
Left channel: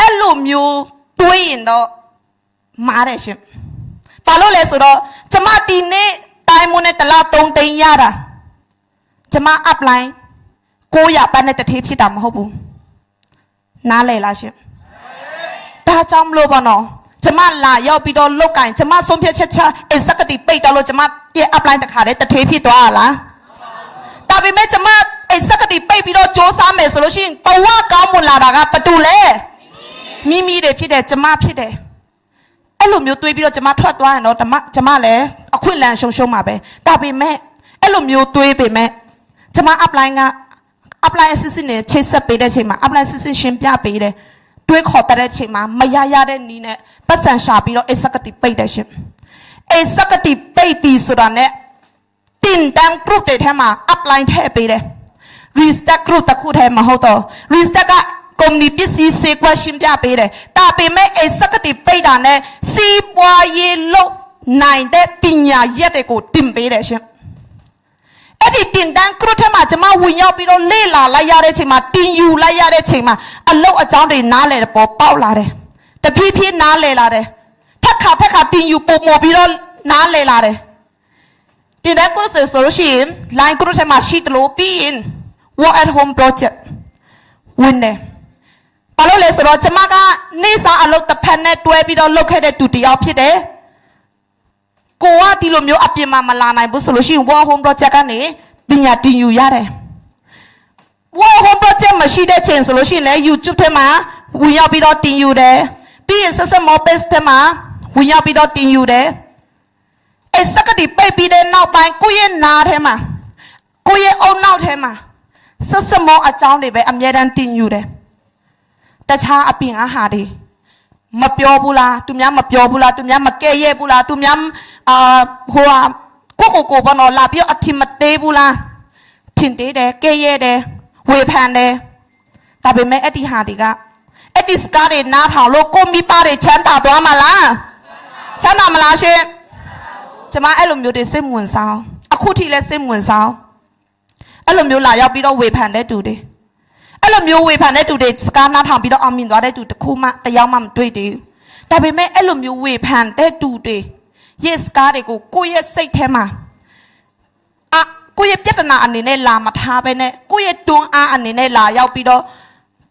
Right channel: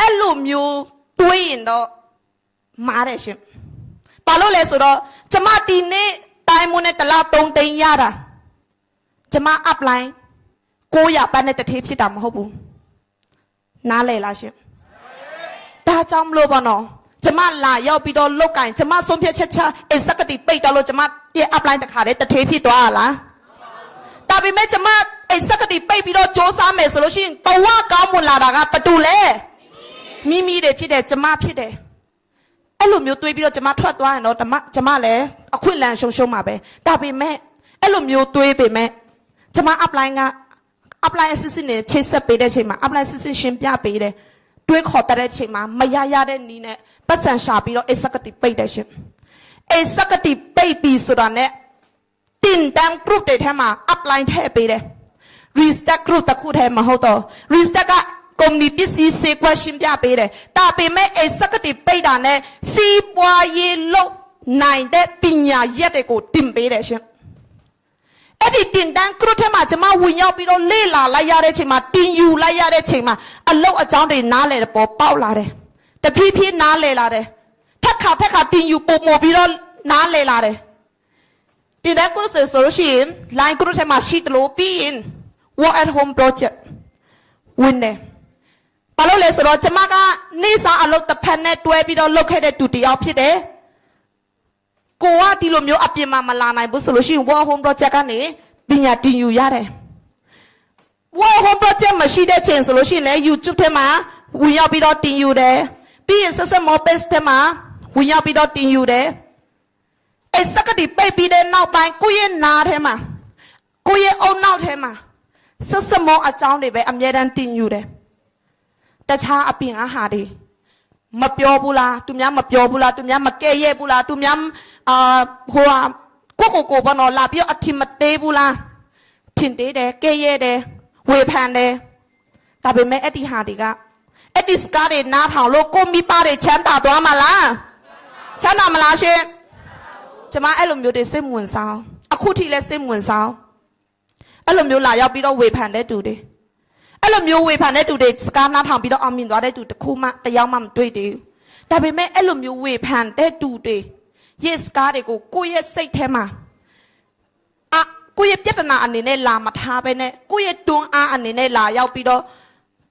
အဲ့လိုမျိုးတွေးရင်တော့မားတယ်ရှင်ဘာလို့လဲဆိုတော့ကျမဒီနေ့တိုင်းမွန်းနဲ့တလား3 သိန်းရတာကျမ upline 900ပတ်နဲ့တထေးဖြစ်တာမဟုတ်ဘူးနားလည်လားရှင်ဒါကြောင့်မလို့ပါနော်ကျမလာရောက်ပြီးတော့လုတ်ကင်ကျမဆုံးဖြတ်ချက်ချအစကတိပိတ်တော့လို့ကျမရဲ့ upline တခါတည်းတထေးဖြစ်သွားလားဒါပေမဲ့ကျမအစကတိပိတ်ပြီးတော့စ조사မယ်ဆိုလို့ရှိရင်ဘဝကောင်းမွန်လာတာကဘာတူလဲမိမိတွေဖြစ်တယ်ကျမဖြစ်တယ်အဲ့လိုမျိုးတွေးပြီးတော့ကျမထွက်သွားရင်တော့ကျမလည်းအခွင့်အလမ်းရှုံးမှာပဲဒါပေမဲ့အဲ့လိုမျိုးတွေးပေမဲ့ကျမ upline အစစ်စစ်နဲ့ချိတ်ဆက်ပေးတဲ့ချိန်မှာ upline စစ်စစ်ရှင်းပြပေးတယ်တွေးခေါ်တဲ့ချိန်မှာမရတဲ့နီးနဲ့ပတ်စံရှာပြီးတော့အစကတိပိတ်တယ်ရှင်အစကတိပိတ်ပြီးဆိုတာနဲ့တင်တန်း group တွေထဲမှာ upline ထည့်ပေးတယ် restart group တခုထဲမှာဟုတ်တော့ restart ကကုမ္ပဏီပစ္စည်းစေကွက်ရှင်းပြပေးတယ်ဒါပေမဲ့အစကတိပိတ်တာနဲ့စီးပွားရေးလုပ်နိုင်တဲ့ပညာရက်တွေကိုတင်ပေးတယ်ရှင်အဲ့ဒီတင်တန်း group ထဲမှာကျမဝင်ရောက်ပြီးတော့လေ့လာလိုက်ရတဲ့ချိန်မှာတင်ယူလိုက်ရတဲ့ချိန်မှာအလုပ်အကြောင်းတွေနားလည်တဲ့ပေါ်ပေါက်လာတယ်တဖြည်းဖြည်းနားလည်လာတယ်ထက်ခါတင်ယူပုံပေါ်ပြီးတော့နားလည်လာတယ်တင်တန်း group ဆိုလို့ရှိရင် line group ထဲမှာရှိတယ်လို့ပြီးရင် work at home project ဝင်တယ်ဘာလို့လဲဆိုတော့ကျမကနေစားအလုပ်တစ်ဖက်နဲ့တွဲပြီးတော့လုပ်ခဲ့တဲ့တူတယောက်ဖြစ်တယ်ကိုကဒီလိုမျိုးအပြင်မှာမလာနိုင်ဘူးဆိုလို့ရှိရင် work home project ကနေပညာတင်ယူရတယ် work home project မရှိတဲ့ချိန်ဆိုလို့ရှိရင်လည်း YouTube ထဲမှာဝင်ရောက်ပြီးတော့တင်ယူတယ်ပြီးရင်ဆက် page ထဲမှာဝင်ရောက်ပြီးတော့တင်ယူတယ်အဲစကတိပိတ်ပြီးတဲ့နောက်ပိုင်းကိုယ့်ရဲ့နားထဲမှာကိုယ့်ရဲ့အုံနောက်ထဲမှာ ဆက်စမောအကြောင်းတွေပဲအမြဲတမ်းတင်ယူတယ်တခြားအပြင်အဟာတွေမပြောဘူးလားသူများမပြောဘူးလားသူများမကဲ့ရဲ့ဘူးလားသူများဟိုကိုဘောနော်လာပြီးအထင်မသေးဘူးလားထင်သေးတယ်ကဲ့ရဲ့တယ်ဝေဖန်တယ်ဒါပေမဲ့အဲ့ဒီဟာတွေကအဲ့ဒီစကားတွေနားထောင်လို့ကိုမိပါတွေချမ်းသာသွားမှာလားချမ်းသာမလားရှင်ကျမအဲ့လိုမျိုးတွေစိတ်ဝင်စားအခုထိလည်းစိတ်ဝင်စားအဲ့လိုမျိုးလာရောက်ပြီးတော့ဝေဖန်တဲ့သူတွေအဲ့လိုမျိုးဝေဖန်တဲ့သူတွေစကားနားထောင်ပြီးတော့အောင်မြင်သွားတဲ့သူတစ်ခုမှတယောက်မှမတွေ့သေးဘူးဒါပေမဲ့အဲ့လိုမျိုးဝေဖန်တဲ့သူတွေရဲ့စကားတွေကိုကိုယ့်ရဲ့စိတ်ထဲမှာကိုယ့်ရဲ့ပြဿနာအနေနဲ့လာမထားဘဲနဲ့ကိုယ့်ရဲ့တွန်းအားအနေနဲ့လာရောက်ပြီးတော့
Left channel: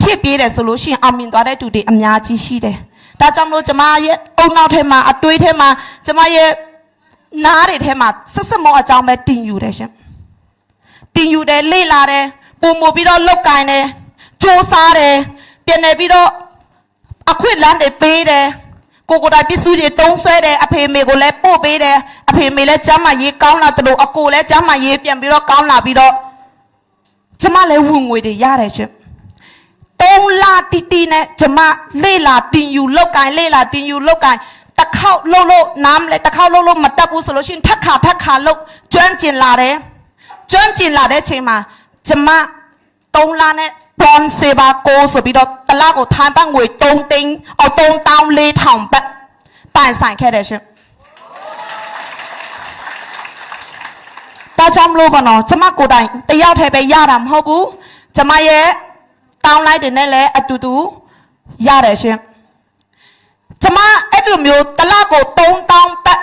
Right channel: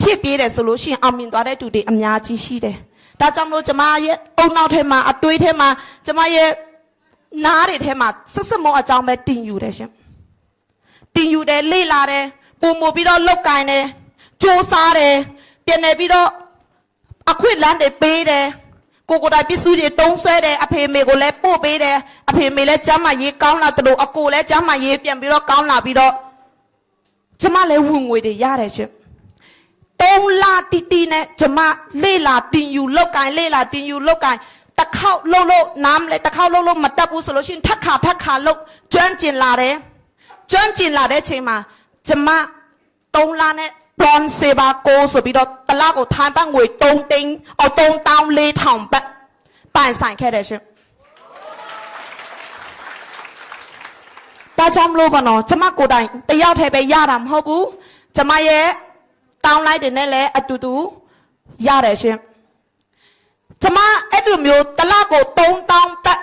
ဖြစ်ပြေးတယ်ဆိုလို့ရှိရင်အောင်မြင်သွားတဲ့သူတွေအများကြီးရှိတယ်ဒါကြောင့်မလို့ကျမရဲ့အုံနောက်ထဲမှာအတွေးထဲမှာကျမရဲ့နားတွေထဲမှာဆက်စမောအကြောင်းပဲတင်ယူတယ်ရှင်တင်ယူတယ်လေ့လာတယ်ပုံမပြီးတော့လောက်ကင်တယ်စူးစားတယ်ပြန်နေပြီးတော့အခွင့်လန်းတွေပေးတယ်ကိုကိုတိုင်ပစ္စည်းတွေတုံးဆွဲတယ်အဖေမေကိုလည်းပို့ပေးတယ်အဖေမေလည်းကျမ်းမာရေးကောင်းလာတယ်လို့အကိုလည်းကျမ်းမာရေးပြန်ပြီးတော့ကောင်းလာပြီးတော့ကျမလည်းဝင်ငွေတွေရတယ်ရှင်3 လတီနဲ့ကျမလေ့လာတင်ယူလောက်ကင်လေ့လာတင်ယူလောက်ကင်တစ်ခေါက်လှုပ်လို့နားမလဲတစ်ခေါက်လှုပ်လို့မတက်ဘူးဆိုလို့ရှိရင်ထက်ခါလှုပ်ကျွမ်းကျင်လာတယ်ကျွမ်းကျင်လာတဲ့အချိန်မှာကျမ3 လနဲ့ဘွန်စေဘာကိုဆိုပြီးတော့တလားကိုထိုင်းပန်းငွေ3 သိန်း3,400 ဘတ်ပန်ဆိုင်ခဲ့တယ်ရှင်ဒါကြောင့်မလို့ပါနော်ကျမကိုယ်တိုင်တယောက်တည်းပဲရတာမဟုတ်ဘူးကျမရဲ့တောင်းလိုက်တယ်နဲ့လည်းအတူတူရတယ်ရှင်ကျမအဲ့လိုမျိုးတလားကို3,000 ဘတ်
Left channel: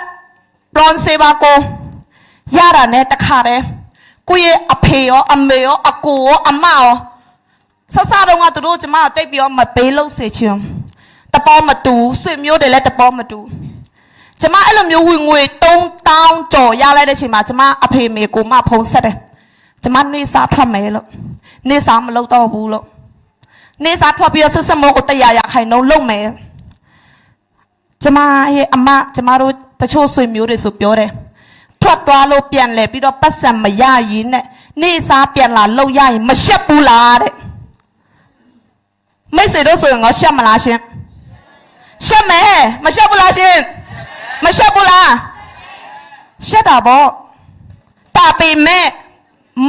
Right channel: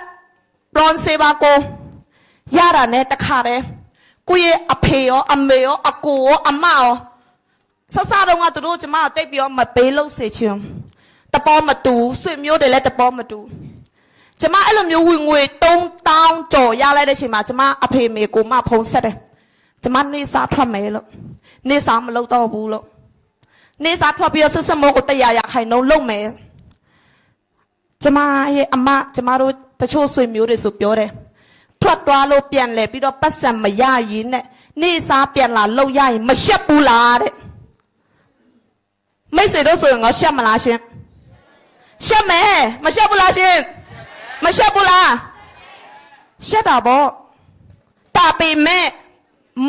ဘွန်စေဘာကိုရတာနဲ့တခါတည်းကိုယ့်ရဲ့အဖေရောအမေရောအကိုရောအမရောဆဆတော့ကသူတို့ကျမတိတ်ပြီးတော့မပေးလို့စေချင်တပေါ်မတူဆွေမျိုးတွေလည်းတပေါ်မတူကျမအဲ့လိုမျိုးဝင်ငွေ3,000 ကျော်ရလိုက်တဲ့ချိန်မှာကျမအဖေမေကိုမဖုံးဆက်တယ်ကျမနေစားထွက်မယ်လို့နေစားမလုပ်တော့ဘူးလို့နေစားထွက်ပြီးတော့ဆက်မောကို100 ခိုင်နှုန်းလုပ်မယ်ကျမရဲ့အမကျမတို့တချို့ဆွေမျိုးတွေဆိုပြောတယ်ထွက်သွားလို့ပြန်လဲပြီးတော့ပတ်စံမရရင်နဲ့နေစားပြန်လာလောက်ရရင်မရှက်ဘူးလားတဲ့မိတ်ဆွေတို့ဆိုရင်ငါရှက်မလားရှင်ရှက်မယ်မရှက်ဘူးလားရှင်မရှက်ဘူးလားရှက်တာပေါ့တာပေမဲ့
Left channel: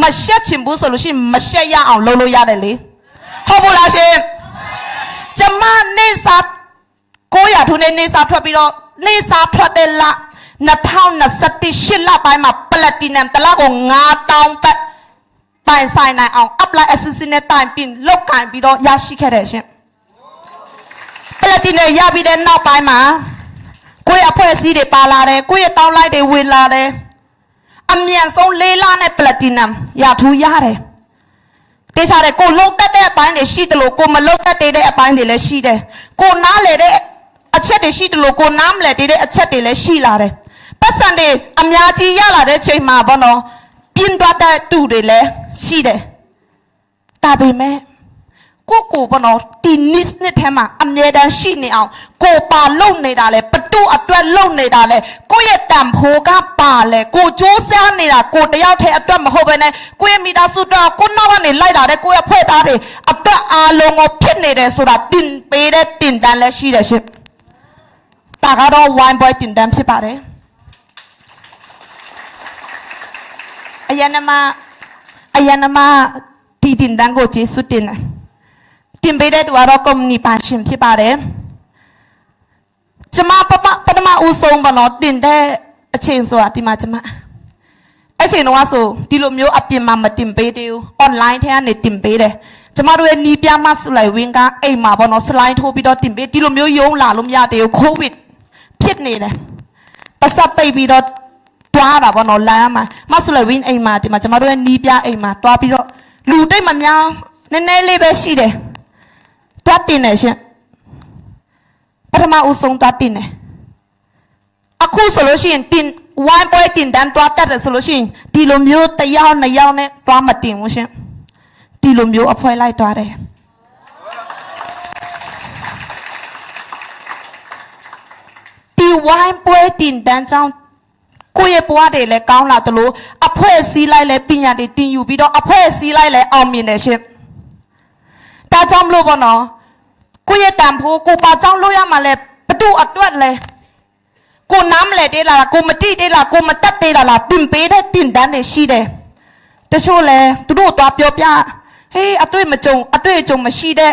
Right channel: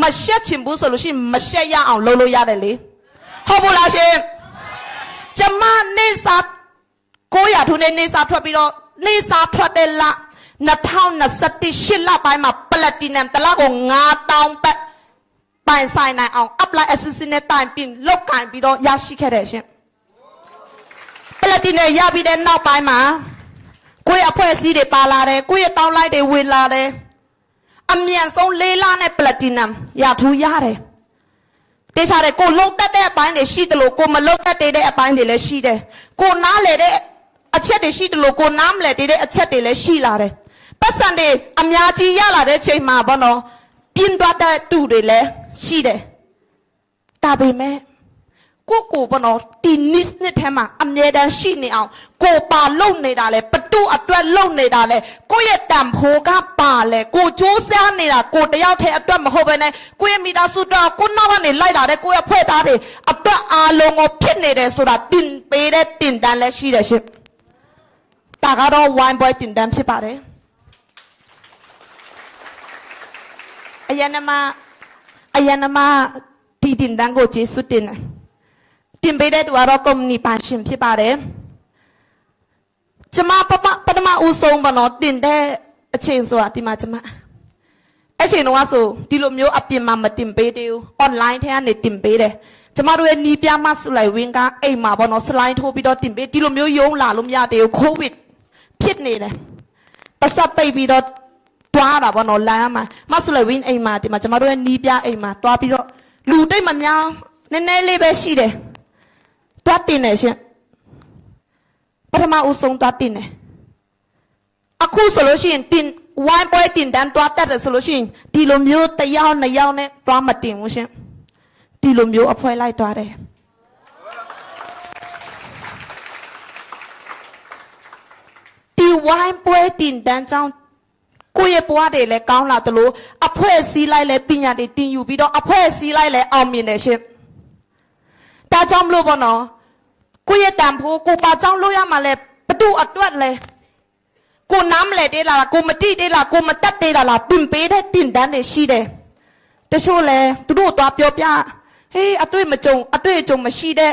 မရှက်ချင်ဘူးဆိုလို့ရှိရင်မရှက်ရအောင်လုပ်လို့ရတယ်လေဟုတ်ဘူးလားရှင်ကျမနေစား900ထုနဲ့နေစားထွက်ပြီးတော့နေစားထွက်တဲ့လ2028 လပိုင်းမှာပလက်တီနမ်တလားကို9,000 ဘတ်ပိုင်ဆိုင်နိုင်အောင် apply assistant နဲ့တိုင်ပြီးလောက်ကင်ပြီးတော့ရရှိခဲ့တယ်ရှင်ပလက်တီနမ်ရပြီးတဲ့နောက်ပိုင်းမှာကိုယ့်အဖွဲ့အစည်းတွေပါလာတယ်ကိုယ့်ရဲ့တောင်းလိုက်တွေဝင်လာတယ်အမြန်ဆုံး4 လနဲ့ပလက်တီနမ်ရထူးရတယ်တေချာတယ်ကိုလုံးတက်တဲ့အပိုင်းတွေရှိတယ်လို့ကိုမလုံးတက်တဲ့အပိုင်းတွေလည်းရှိတယ်ကိုနားလေတဲ့အချက်တွေရှိတယ်လို့ကိုနားမလဲတဲ့အချက်တွေလည်းရှိလာတယ်ပတ်စံတွေအများကြီးရလာတဲ့ချိန်မှာဘောနော်ပြင်းသွားတဲ့တူတွေလည်းရှိတယ်ဒါပေမဲ့ကိုဘောနော်ဒီနစ်နဲ့ထဲမှာအမြဲတမ်းရှိနေအောင်ကိုပါလုံနေတာလေပတူအတွက်လုံနေတာလေကိုရဲ့တန်ဖိုးကပါလေကိုစူးစမ်းနေတာကိုတယောက်တည်းအတွက်မဟုတ်ဘဲနဲ့ကိုရဲ့မိသားစုအတွက်ကိုနောက်ကနေလိုက်လာတဲ့ကိုရဲ့ဖွဲ့သားတွေအတွက်အားလုံးကိုဖြစ်နေတယ်ဆိုတာတင်ပေးတဲ့တင်တန်းလည်းရှိတယ်ရှင်ဒါကတော့ wine boy တင်တန်းဖြစ်ပါတယ်အယနမဒီတင်တန်းကိုကျေးဇူးတင်တယ်တင်ပေးတဲ့သူကတော့ကုမ္ပဏီပါရှင်ဖြစ်ပါတယ်ကျမပထမဦးဆုံးပါတော့တင်တဲ့အချိန်ဆိုတာဒီမှာကျမအချိန်တော့ဆိုဒီလိုမျိုးအပြင်မှာမတင်ပေးသေးဘူး online ထဲကနေတင်ပေးတယ်ကျမတို့ရဲ့နီးပြမဆလိုက်ဝင်းကအိမ်မှာပေါ့နော် slide ထိုးပြီးတော့တင်ပေးဒီလိုမျိုးရုံးလာလို့မရသေးဘူး covid ဖြစ်နေတယ်ပတ်စပ်ပိတ်ပြီးတော့တွားတာပေါ့နော်လမ်းမှာမဆလိုက်ဝင်းအိမ်မှာဒီမှာကျမတို့ရဲ့နီးပြအိမ်မှာတွားပြီးတော့လူတိတ်မများနည်းနည်းလေးပဲရှိတယ်တွားတင်တယ်ရှင်ပထမဦးဆုံးတွားတင်တယ်အခုဆိုလို့ရှိရင်တင်ဝိုင်းပွဲတင်တန်းတွားတက်တယ်ဆိုလို့ရှိရင်ဒီလိုမျိုး1 ယောက် 2 ယောက်နဲ့တွားမတင်ဘူးရှင်ဒီလိုမျိုးအဖွဲလိုက်တွားတယ်ဒီဝိုင်းပွဲတင်တန်းကြောင့်ကိုယ့်ရဲ့ဘဝတွေလည်းကောင်းလာတယ်လို့အ ဖွဲ့စည်းလိုက်လဲပညာတွေတင်ယူပြီးတော့အဖွဲ့စည်းလိုက်လဲအောင်မြင်တယ်ရှင်ဒါကြောင့်မလို့ပေါ့နော်ကိုရဲ့တန်ဖိုးကိုပါကြောင့်လို့ရမှာလဲဘဒုအတွက်လဲကိုနားမလဲသေးလားကိုမတိသေးလားကိုမတက်သေးလားတင်ပေးတဲ့တင်တန်းတွေရှိတယ်တချို့လဲသူတို့တော့ပြောပြဟေးအတွေ့မကြုံအတွေ့အကြုံမရှိတဲ့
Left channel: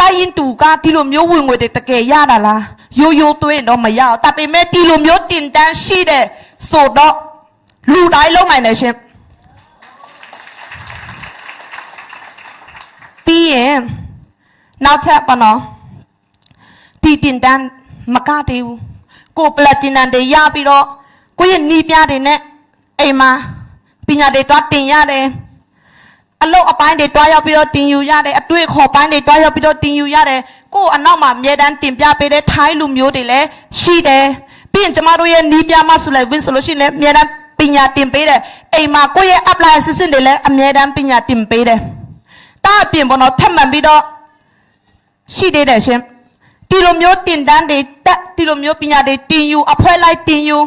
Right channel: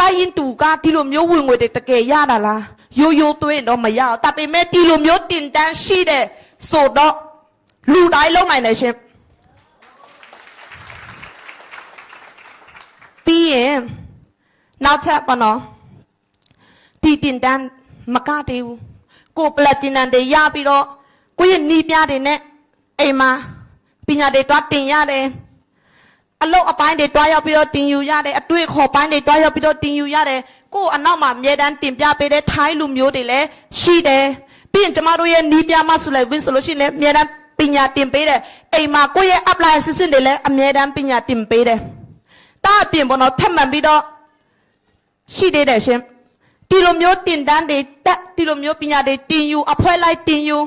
တိုင်းရင်တူကဒီလိုမျိုးဝင်ငွေတွေတကယ်ရတာလားရိုးရိုးသွင်းတော့မရအောင်ဒါပေမဲ့ဒီလိုမျိုးတင်တန်းရှိတဲ့ဆိုတော့လူတိုင်းလုံးနိုင်တယ်ရှင်ပြီးရင်နောက်ထပ်ပါနော်ဒီတင်တန်းမကတည်းဘူးကိုပလက်တီနမ်တွေရပြီးတော့ကိုရဲ့နီးပြားတွေနဲ့အိမ်မှာပညာတွေတွားတင်ရတယ်အလုပ်အပိုင်းတွေတွားရောက်ပြီးတော့တင်ယူရတယ်အတွေ့အခေါ်ပိုင်းတွေတွားရောက်ပြီးတော့တင်ယူရတယ်ကိုအနောက်မှာအမြဲတမ်းတင်ပြပေးတဲ့ထိုင်းလူမျိုးတွေလည်းရှိတယ်ပြီးရင်ကျမတို့ရဲ့နီးပြားမဆိုလည်းဝင်ဆိုလို့ရှိရင်လည်းအမြဲတမ်းပညာတင်ပေးတယ်အိမ်မှာကိုရဲ့ apply assistant တွေလည်းအမြဲတမ်းပညာတင်ပေးတယ်တာအပြင်ပေါ်တော့ထပ်မှန်ပြီးတော့ရှိသေးတယ်ရှင်ဒီလိုမျိုးတင်တန်းတွေတက်ဒီလိုမျိုးပညာတွေတင်ယူအဖွဲလိုက်တင်ယူ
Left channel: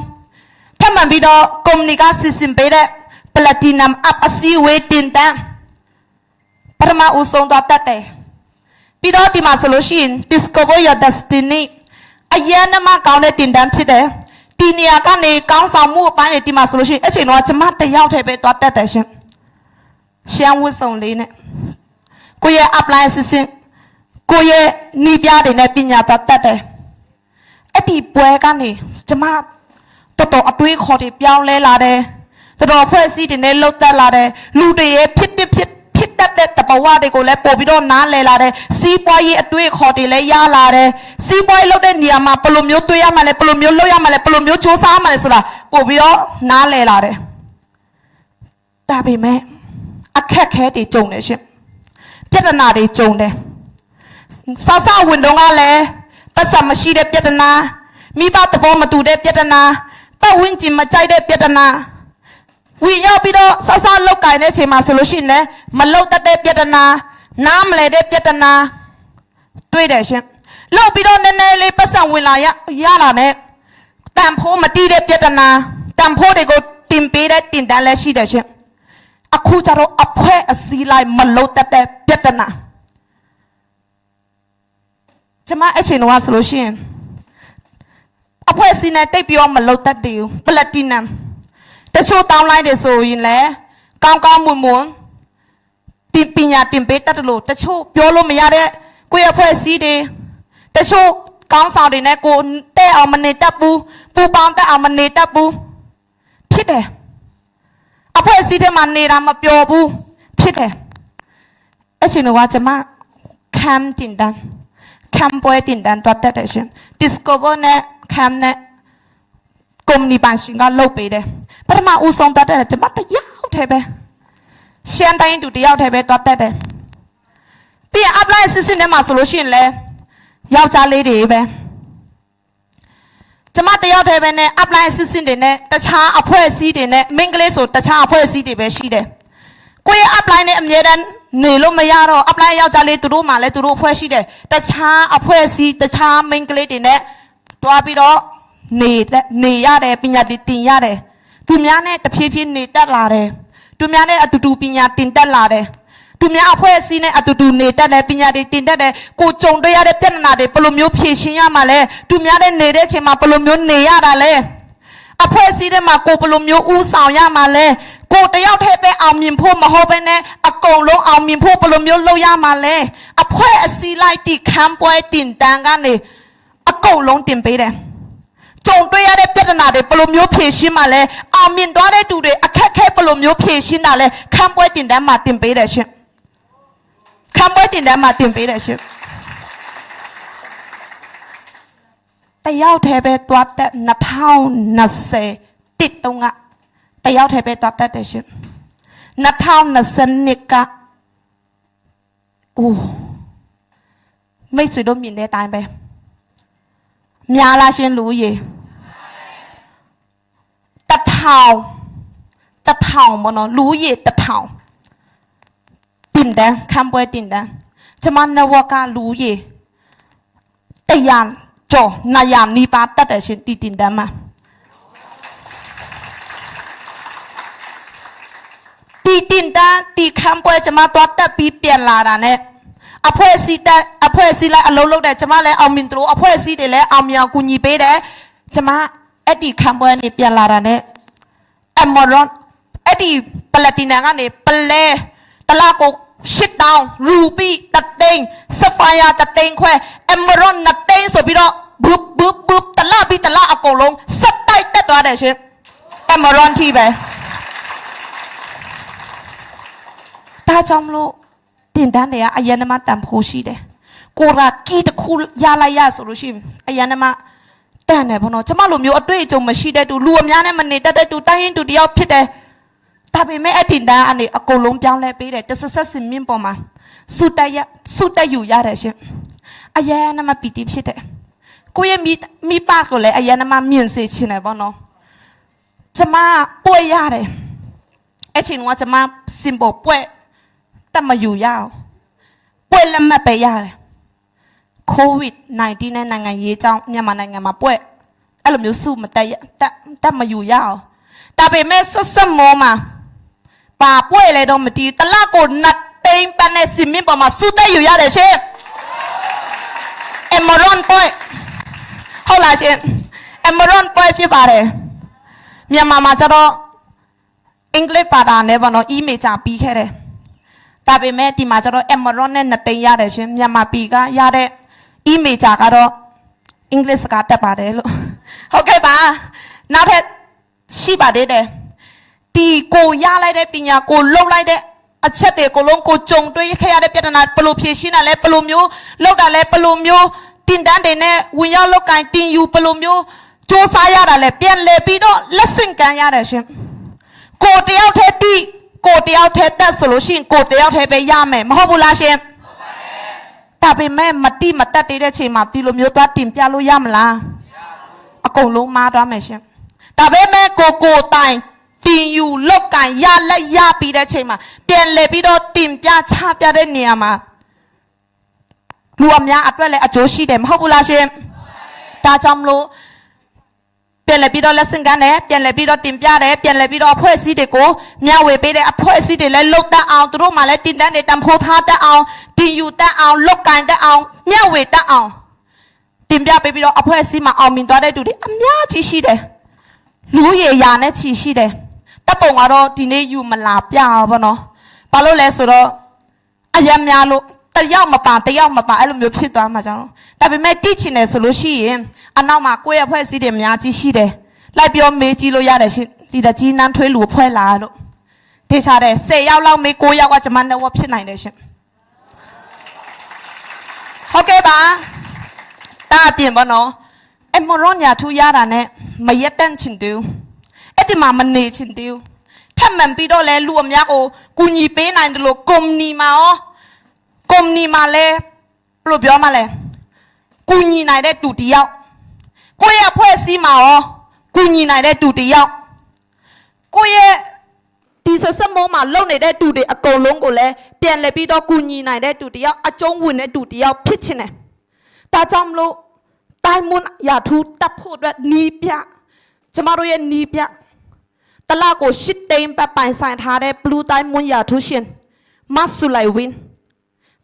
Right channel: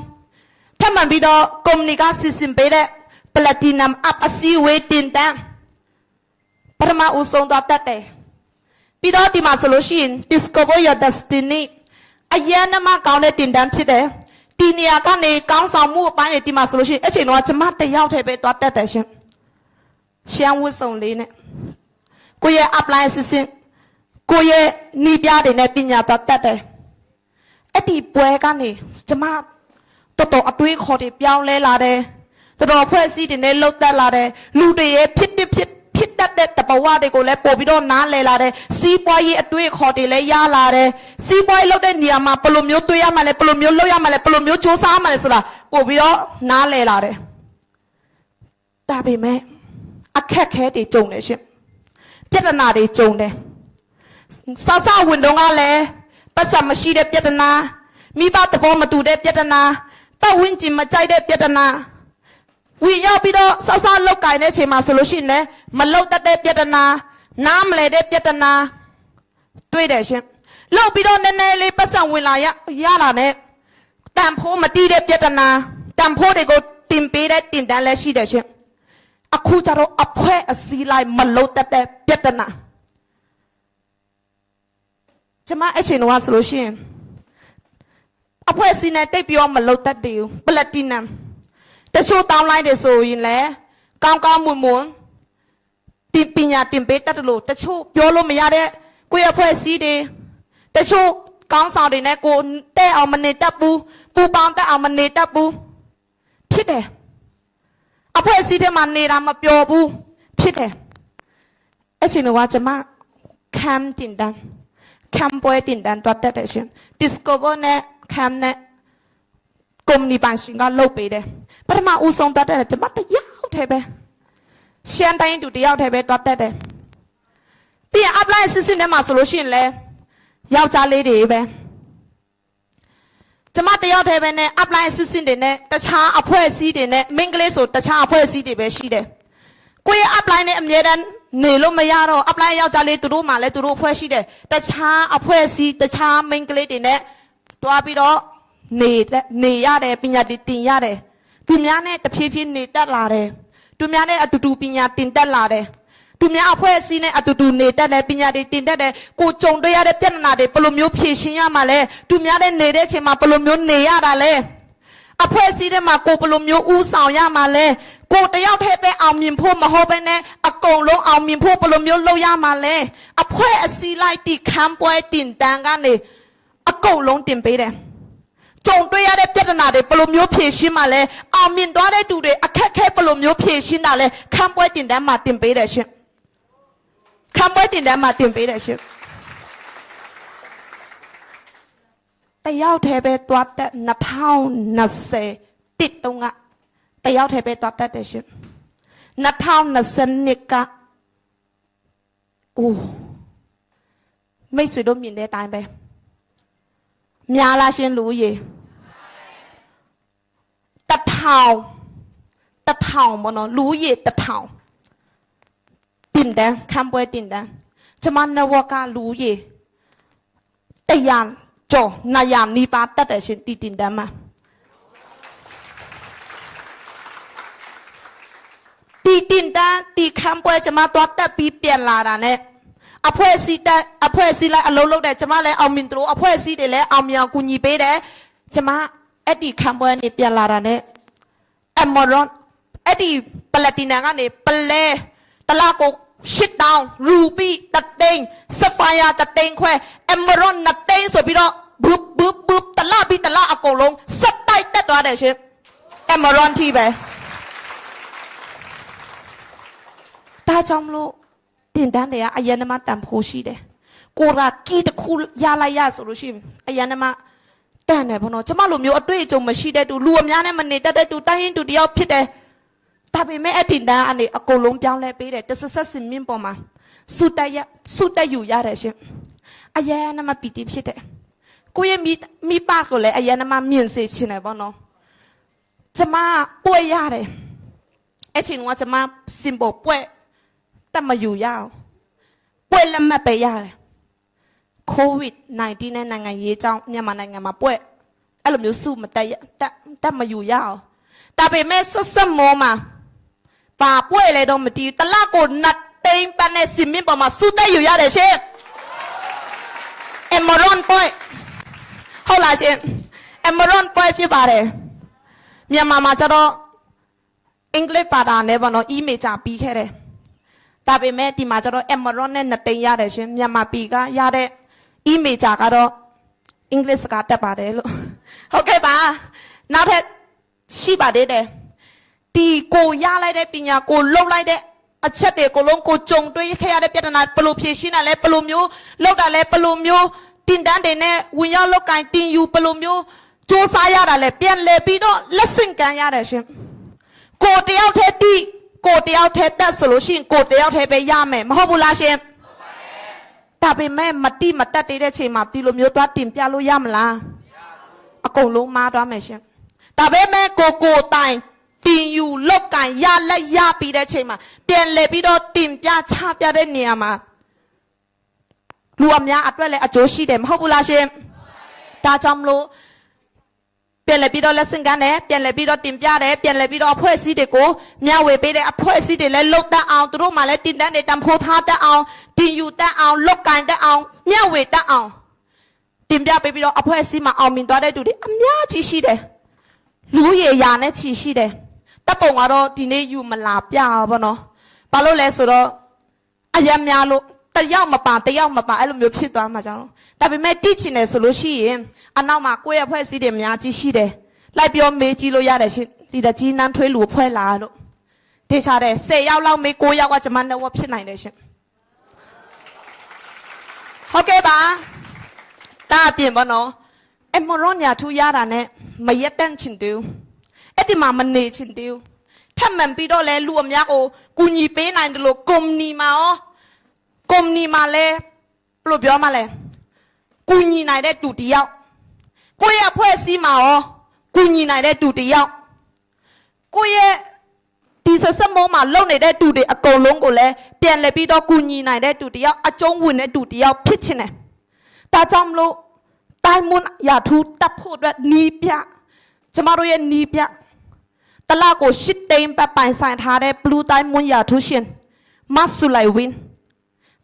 ထပ်မှန်ပြီးတော့ကုမ္ပဏီကစီစဉ်ပေးတဲ့ platinum up အစည်းအဝေးတင်တန်းပထမဦးဆုံးတော့တက်တယ်ပြီးတော့ဒီမှာဆိုလို့ရှိရင် discover your destiny အရင်ကမှကောင်းတဲ့တင်တန်းဖြစ်တယ်ဒီနေရာကနေကောင်းဆောင်မှုအပိုင်းတွေဒီမှာဆိုလို့ရှိရင်အချိန်တော့ကျမတယောက်တည်းပဲသွားတက်တယ်ရှင်ရှမ်းဝတ်စုံလေးနဲ့ကိုရဲ့ apply assistantကိုရဲ့နီးပြားတွေနဲ့ပညာတတ်တယ်အဲ့ဒီပွဲကနေကျမတော်တော်အတွေးခေါ်တွေပြောင်းလဲလာတယ်တော်တော်ဖွဲ့စည်းတွေနဲ့လှုပ်တက်လာတယ်လူတွေရဲ့ဖြစ်တတ်တဲ့တဘဝတွေကိုလည်းပို့ပြီးတော့နားလည်လာတယ်စီးပွားရေးအတွေးခေါ်တွေလည်းရလာတယ်စီးပွားရေးလုပ်တဲ့နေရာမှာဘယ်လိုမျိုးတွေးရမှာလဲဘယ်လိုမျိုးလုပ်ရမှာလဲဘယ်လိုမျိုးစ조사ရမှာလဲဆိုတာပို့ပြီးတော့နားလည်လာတယ်ဒါပေမဲ့အခက်ခဲတွေကြုံတယ်ရှင်ပြဿနာတွေကြုံတယ်ဆောက်ဆောက်ဝင်တော့ကလည်းပတ်စံမရှိတဲ့ပြဿနာမိဘသဘောမတူတဲ့ပြဿနာပတ်ဝန်းကျင်မကြိုက်တဲ့ပြဿနာဝင်ရောက်ပြီးတော့ဆောက်ဆောက်လောက်ကင်တဲ့ချိန်မှာဆိုလို့ရှိရင်လည်းမလောက်တတ်တဲ့ပြဿနာနားမလဲတဲ့ပြဿနာတွေ့တယ်ရှင်လောက်ပြီးတော့နည်းနည်းလေးပတ်စံဝင်လာရလာတဲ့တန်ဖိုးမတီးတဲ့ပြဿနာတန်ဖိုးတွေကိုတင်ပေးတဲ့တင်တန်းလည်းရှိတယ်ရှင်အခုကျတော့အဖွဲအစည်းလိုက်မလောက်တတ်တဲ့ပြဿနာကျမအချိန်တော့ဆိုလို့ရှိရင်အဖွဲ့အစည်းနဲ့တိတ်ပြီးတော့မလုံတတ်တယ်ပလက်တီနမ်တချို့တောင်းလိုက်တယ်ဆိုရင်လည်းကောင်းကောင်းမွန်မွန်တင်ပညာတင်ပေးတတ်တယ်လို့တချို့ပြောလို့မရတဲ့ကိုယ့်အဖွဲ့အစည်းတွေတချို့ကောင်းဆောင်တွေနဲ့ကိုတဲ့အောင်မနေတတ်ဘူးပူပေါင်းတတ်အောင်မနေတတ်ဘူးဖြစ်တယ်အဖွဲ့အစည်းတွေမှာနေတာမပျော်ဘူးဖြစ်တယ်အချိန်တော့ကျမခံတင်တန်းคำป่วยติดดันตัวแต่เช่น discover เนี่ยคำเนี่ยกรมนิบาลชิงก็ลบไปเลยพระมาอุศงตัวแต่จะมาแต่ยาวเทไปเชียนได้ยินดูดียาวเทไปตัวแต่พี่อัพไลน์ซิเนี่ยมาสรุปชินเลยยาวจ้าเลยดีไปจะมาแต่ยาวเทไปเนี่ยอัพไลน์ซิเนี่ยแต่ช้าอัพเพื่อซีเนี่ยมิงเกลสุดแต่ช้าอัพเพื่อซีไปชีเดกูยังอัพไลน์เนี่ยมีดันနေလို့မရတော့အပလိုင်းယောက်ျားလေးသူတို့မှလည်းသူတို့ဖွဲ့ရှိတယ်တခြားအဖွဲ့အစည်းတခြား main ကလေးတွေနဲ့တွားပြီးတော့နေရတယ်ပညာတင်ရတယ်သူများနဲ့တဖြည်းဖြည်းနေတက်လာတယ်သူများနဲ့အတူတူပညာတင်တက်လာတယ်သူများအဖွဲ့အစည်းနဲ့အတူတူနေတက်တယ်ပညာတင်တက်တယ်ကိုကြုံတွေ့ရတဲ့ပြဿနာတွေဘယ်လိုမျိုးဖြေရှင်းရမှာလဲသူများနဲ့နေတဲ့အချိန်မှာဘယ်လိုမျိုးနေရတာလဲအဖွဲ့အစည်းတွေမှာကိုဘယ်လိုမျိုးဥဆောင်ရမှာလဲကိုတယောက်တည်းပဲအောင်မြင်ဖို့မဟုတ်ဘဲနဲ့အကုန်လုံးအောင်မြင်ဖို့ဘယ်လိုမျိုးလုပ်ရမှာလဲအဖွဲ့အစည်းလိုက်တီခမ်းပွဲတင်တန်းကနေအကုန်လုံးတင်ပေးတယ်ကြုံတွေ့ရတဲ့ပြဿနာတွေဘယ်လိုမျိုးဖြေရှင်းမှာလဲအောင်မြင်သွားတဲ့သူတွေအခက်အခဲဘယ်လိုမျိုးဖြေရှင်းတာလဲခမ်းပွဲတင်တန်းမှာတင်ပေးတယ်ရှင်ခမ်းပွဲတင်တန်းမှာတင်ပေးတယ်ရှင်တယောက်တည်းပဲသွားတဲ့2020တိတုံးကတယောက်တည်းပဲသွားတတ်တယ်ရှင်2020ကအိုးမိတ်ဆွေတို့မြင်တဲ့အတိုင်းပဲများလားရှင်လူကြီး1000မနော်လူကြီး1000တင်တယ်ခံပွဲတင်တယ်ကျမနဝကလူကြီးတရားကျော်နာယမ်နီပါတတ်တယ်ရှင်တင်တယ်မှာ တီတင်တန်းတီခံပွဲကျမသွားတက်ပြီးပြန်လာတာနဲ့အဖွဲ့အစည်းလိုက်အလုံးလုံးတယ်ကျမလည်းအောင်မြင်တယ်လို့အဖွဲ့အစည်းတွေလည်းအောင်မြင်အောင်ကူညီပေးတယ်ကျမအဲ့ဒီခံပွဲနေပြန်လာတာနဲ့အမေရွန်အဲ့ဒီပလက်တီနမ်ကနေပလဲတလားကို8တောင်းရူပီတသိန်းဆဖိုင်ယာတသိန်းခွဲအမေရွန်2သိန်းဆိုပြီးတော့ဘုတလားပြီးတလားအကုန်လုံးစက်တိုက်တက်သွားတယ်ရှင်အမေရွန်တီပဲဒါကြောင့်မလို့တင်တန်းတွေကအယံနမတန်ဖိုးရှိတယ်ကိုရာကီတခုရလိုက်ရဆိုလို့ရှိရင်အယံနမတန်တယ်ဘောနော်ကျမလိုမျိုးအတွေ့အကြုံမရှိတဲ့သူလူအများနဲ့မနေတတ်တဲ့သူတိုင်းရင်သူတယောက်ဖြစ်တယ်ဒါပေမဲ့အတင်တန်းအနေအကုန်လုံးပြောင်းလဲပေးတယ်တဆက်ဆက်စင်မြင့်ပေါ်မှာစုတက်ယူရတယ်ရှင်အယံနမပီတိဖြစ်တယ်ကိုရဲ့မိပါကိုလည်းအယံနမမြင့်စေချင်တယ်ဘောနော်ကျမပွေရတယ်အချင်းကကျမစင်ပေါ်ပွေတမယူရအောင်ပွေလက်မှတ်ပဲရတယ် COVID-19 နဲ့နိုင်ငံရေးကြောင်းမြန်မာနိုင်ငံမှာပွေအဲ့လိုမျိုးစုမတက်မယူရအောင်ဒါပေမဲ့ဆက်မောမှာပါပွေလေတော့မတီးတလားကိုနတ်တိန်ပနဲ့စင်မြင့်ပေါ်မှာစုတက်ယူရတယ်ရှင်အမရွန်ပွေဟုတ်လားရှင်အမရွန်ပွေဖြစ်ပါတယ်မြန်မာမှာကျတော့အင်္ဂလိပ်ဘာသာနဲ့ပေါ့နော်အီးမေးချပြီးခဲ့တယ်ဒါပေမဲ့ဒီမှာကျတော့အမရွန်နဲ့2သိန်းရတယ်ရှင်မြန်မာပြည်ကရတဲ့အီးမေးချကတော့အင်္ဂလိပ်စကားတက်ပါတယ်လို့ဟုတ်ကဲ့ပါနောက်ထပ်ရှိပါသေးတယ်ဒီကိုရလိုက်တဲ့ပညာကိုလုံလိုက်တဲ့အချက်တွေကိုလုံးကိုကြုံတွေ့ခဲ့ရတဲ့ပြဿနာဘယ်လိုဖြေရှင်းတာလဲဘယ်လိုမျိုးလောက်တာလဲဘယ်လိုမျိုးတင်တန်းတွေနဲ့ဝင်ရောက်လောက်ကင်တင်ယူဘယ်လိုမျိုးစူးစမ်းရတာလဲပြန်လဲပြီးတော့လက်ဆင့်ကမ်းရတယ်ရှင်ကိုတယောက်တည်းတီးကိုတယောက်တည်းတက်ဆိုလို့ရှိရင်ကိုတယောက်တည်းပဲရမယ်မဟုတ်ဘူးလားရှင်ဒါပေမဲ့မတိမတက်တဲ့ချိန်မှာဒီလိုမျိုးသွားတင်ပြလို့ရမလားအကုန်လုံးမားသွားမယ်ရှင်ဒါပေမဲ့ကိုတိုင်တင်ယူလောက်ကင်ရလက်ရပြီးတဲ့ချိန်မှာပြန်လဲပြီးတော့တင်ပြချပြတဲ့နေရာမှာလူအများအတွက်လည်းအကျိုးရှိတယ်မဟုတ်ဘူးလားရှင်ဒါကြောင့်မလို့ပြန်လဲပြီးတော့လက်ဆင့်ကမ်းတယ်ပြန်လဲပြီးတော့တင်ပြတယ်ပြန်လဲပြီးတော့အဖွဲ့အစည်းတွေကိုမျှဝေပေးတယ်အဖွဲ့အစည်းတွေလည်းလုတ်တတ်အောင်သူတို့မှလည်းတင်တန်းတွေတန်ဖိုးထားတတ်အောင်တင်ယူတတ်အောင်လုတ်ကန်တတ်အောင်မျှဝေတတ်အောင်တင်ပြပေးပြီးတော့အဖွဲ့အစည်းမှာအောင်မြင်သွားတဲ့သူတွေအများကြီးရှိတယ်လူရည်ရာနဲ့ချီရှိတယ်တပ်ပုံကတော့ဒီနေ့ယူမလာပြအောင်ပေါ့နော်ဘာလို့လဲဆိုတော့အယံများလို့တယောက်မပါအဲ့လိုမျိုးဖြစ်သွားမှာကြောင့်ဒါပေမဲ့တိချင်တယ်ဆိုလို့ရှိရင်အနောက်မှာကိုယ့်ရဲ့ဖွဲ့စည်းတွေအများကြီးရှိတယ်လိုက်ပြောမေးကြည့်လို့ရတယ်ရှင်ဒီတကြီးနန်းထွေးလူဖွဲ့လာလို့ဒေချာတယ်10ယောက်လောက်မေး9ယောက်ကကျွန်မနဲ့ဝတ်ဖြစ်နိုင်တယ်ရှင်ဟုတ်ကဲ့ပါတာအပြင်ပေါ့နော်အမရွန်ညာထူရတာနဲ့မရက်တန့်ချင်တူအဲ့ဒီမှာမနေချင်တူထပ်မှန်ပြီးတော့လဲလူအများကိုကူညီပေးနိုင်တယ်လို့ကုမ္ပဏီမှာလဲဘယ်လိုပြောမှလဲကူညီနိုင်တဲ့တူတယောက်ကိုယ့်ရဲ့ဖွဲ့စည်းမှာရောကူညီနိုင်တဲ့တူတယောက်ကိုယ့်ရဲ့ဒီဆက်မောမှာလုံနေတဲ့တူတွေအကုန်လုံးကိုလည်းပြန်လဲပြီးတော့ကူညီနိုင်တဲ့တူတယောက်အကျုံးဝင်တဲ့တူတယောက်ဖြစ်ချင်တယ်ဒါကြောင့်မလို့တိုင်းမွန်ရထူတပ်ဖို့အတွက်နီးပြကျမတို့ရဲ့နီးပြတလားကို8သိန်းပတ်ပိုင်ဆိုင်ထားတဲ့ဘလူးတိုင်းမွန်ရထူရှင်မတ်ဆူလိုက်ဝင်း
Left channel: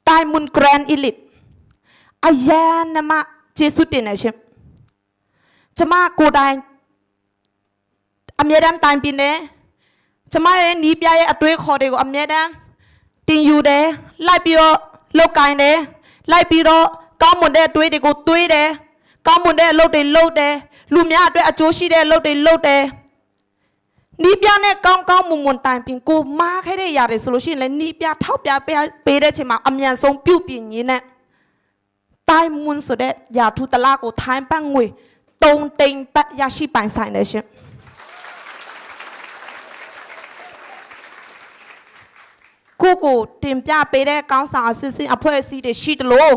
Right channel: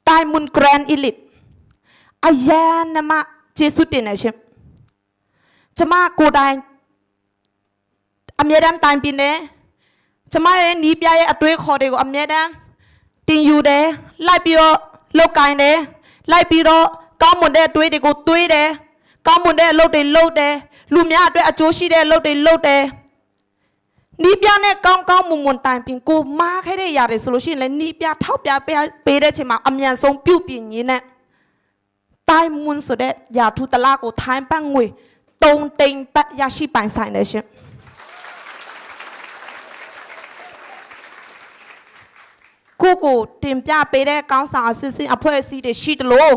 တိုင်းမွန်ဂရန်အီလစ်အယံနမကျေးဇူးတင်နေရှင်ကျမကိုတိုင်အမြဲတမ်းတိုင်ပြနေကျမရဲ့နီးပြရဲ့အတွေးခေါ်တွေကိုအမြဲတမ်းတင်ယူတယ်လိုက်ပြီးတော့လုတ်ကင်တယ်လိုက်ပြီးတော့ကောင်းမွန်တဲ့အတွေးတွေကိုတွေးတယ်ကောင်းမွန်တဲ့အလုပ်တွေလုပ်တယ်လူများအတွက်အကျိုးရှိတဲ့အလုပ်တွေလုပ်တယ်နီးပြနဲ့ကောင်းမွန်တိုင်ပြင်ကိုမားခဲ့တဲ့ຢာတွေဆိုလို့ရှိရင်လည်းနီးပြထောက်ပြပေးတဲ့ချိန်မှာအမြန်ဆုံးပြုတ်ပြင်ရင်းနဲ့တိုင်းမွန်ဆိုတဲ့ຢာထူတလားကိုထိုင်းပတ်ငွေ3သိန်းပတ်ရရှိပိုင်ဆိုင်တယ်ရှင်ကိုတင်ပြပေးတဲ့ကောင်းဆောင်အစစ်အဖွဲ့အစည်းတွေရှိတယ်လို့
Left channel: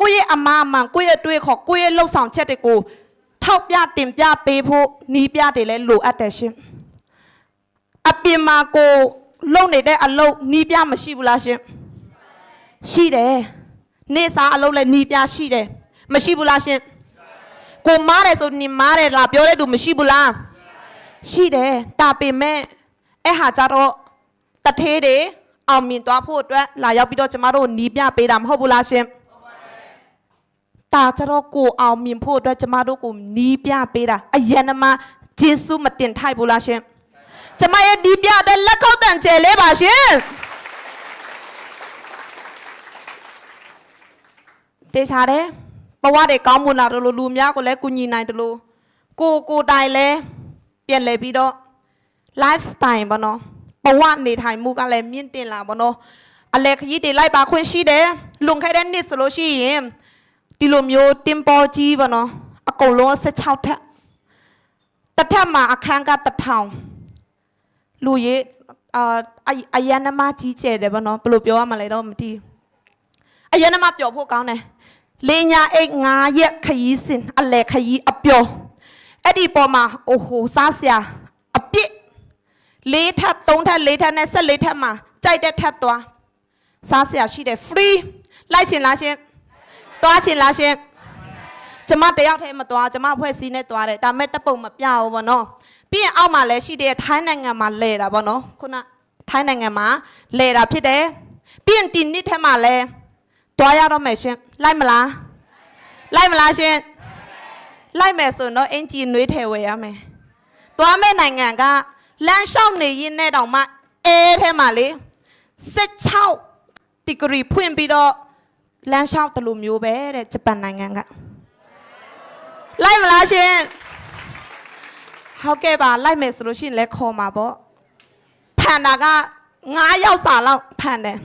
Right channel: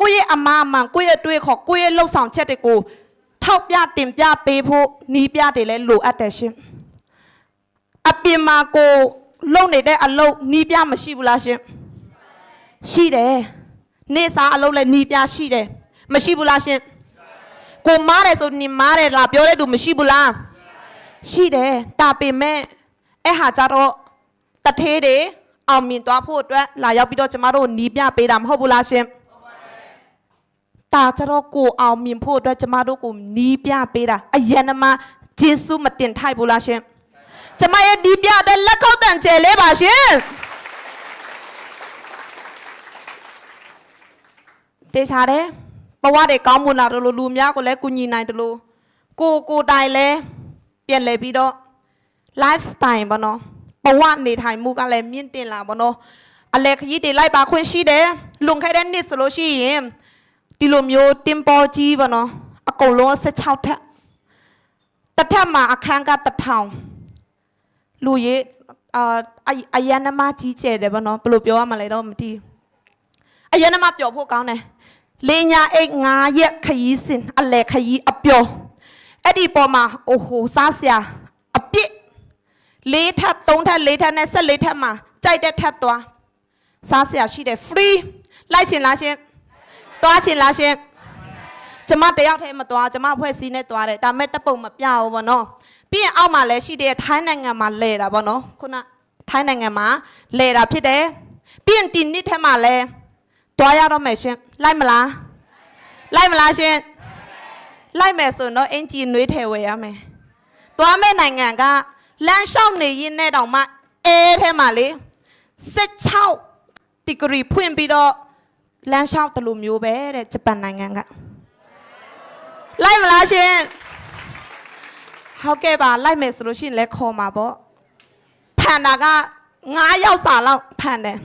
ကိုယ့်ရဲ့အမားမှန်ကိုယ့်ရဲ့တွေးခေါ်ကိုယ့်ရဲ့လှုပ်ဆောင်ချက်တွေကိုထောက်ပြတင်ပြပေးဖို့နီးပြတွေလည်းလိုအပ်တယ်ရှင်အပြင်မှာကိုလုံနေတဲ့အလုပ်နီးပြမရှိဘူးလားရှင်ရှိတယ်နေစာအလုပ်လည်းနီးပြရှိတယ်မရှိဘူးလားရှင်ကိုမားတယ်ဆိုနေမားတယ်လားပြောတဲ့သူမရှိဘူးလားရှိတယ်ဒါပေမဲ့အဲ့ဟာကြတော့ တထေးတွေအောင်မြင်သွားဖို့အတွက်လာရောက်ပြီးတော့ကျမတို့နီးပြပေးတာမဟုတ်ဘူးလားရှင်တာကြတော့ကိုအောင်မြင်ဖို့အတွက်ကျမတို့ကိုနီးပြပေးတာအယံနမဂျေဆုမတင်ထိုက်ဘူးလားရှင်ကျမရဲ့ဒီပြတဲ့လက်ခောက်တန်ကျဲလေးပါရှင်တေချာတယ်ဘဝတွေကောင်းမွန်လာတယ်လို့လူများကိုလည်းကူညီနိုင်တယ်လို့ကိုတိုင်လဲပြန်လဲပြီးတော့ lifestyle ပေါ့နော်ဘဝနေထိုင်မှုကလည်းမြင့်တင်လာပေါ့နော်အလဲခကြီးတွေလိုက်ပါခွင့်ရှိတယ်လွန်ခဲ့တဲ့နှစ်ဆိုလို့ရှိရင်ဒီလိုမျိုးတင်ပေါ်ကြီးပေါ့နော်အကုန်လုံး16ထက်တစ်ထက်မှာအခန်းက1000လူရေးအယန္နမကြီးကျယ်တယ်ပေါ့နော်ဘယ်လိုပြောရမလဲတော့မသိအယန္နမပျော်ဖို့ကောင်းတယ်လေညာအိတ်9ရက်ခရီးစဉ်အလဲခရီးအပျော်အဲ့ဒီပေါ်မှာအိုဟိုစားစရာအပြစ်4ထပ်3ထပ်4ထပ်နဲ့14ထပ်မှာကြိုက်တဲ့ထပ်သွားစားစရာရှိတယ် free လိုက်ချင်လားရှင်သွားချင်လားရှင်ကျမတယောက်တည်းမသွားကျမဖွဲ့စည်းနဲ့သွားတယ်ဒါမဲ့တပ်ပုံမပြဘူးပေါ့နော်ပြီးရင်အောက်မှာလည်းရှိတယ်ထိုင်းနိုင်ငံမှာလဲတာပေါ့နော်ခုနထိုင်းနိုင်ငံမှာလဲတာဖြစ်တယ်ပြီးရင်ဒီနှစ်ထက်မှာလည်းသွားရတော့မယ်ရှင်လိုက်မလားလိုက်မလားရှင်လိုက်မယ်ဆိုတော့အင်ဂျီနွေးထဲဝယ်ရမယ်သွားမဲ့နိုင်ငံကလမ်းလျှောက်နေရင်နဲ့တောင်မှအဲထဲမှာလေ16ဒီဂရီဖွင့်ပြီးတော့လမ်းလျှောက်တယ်လို့မျိုးပဲတဲ့ဂျပန်နိုင်ငံကလိုက်မလားရှင်ဟုတ်ကဲ့ပါလိုက်မယ်ဆိုလို့ရှိရင်လည်းခေါ်မှာပေါ့ဖန်တာက9ယောက်စာလောက်ဖန်တယ်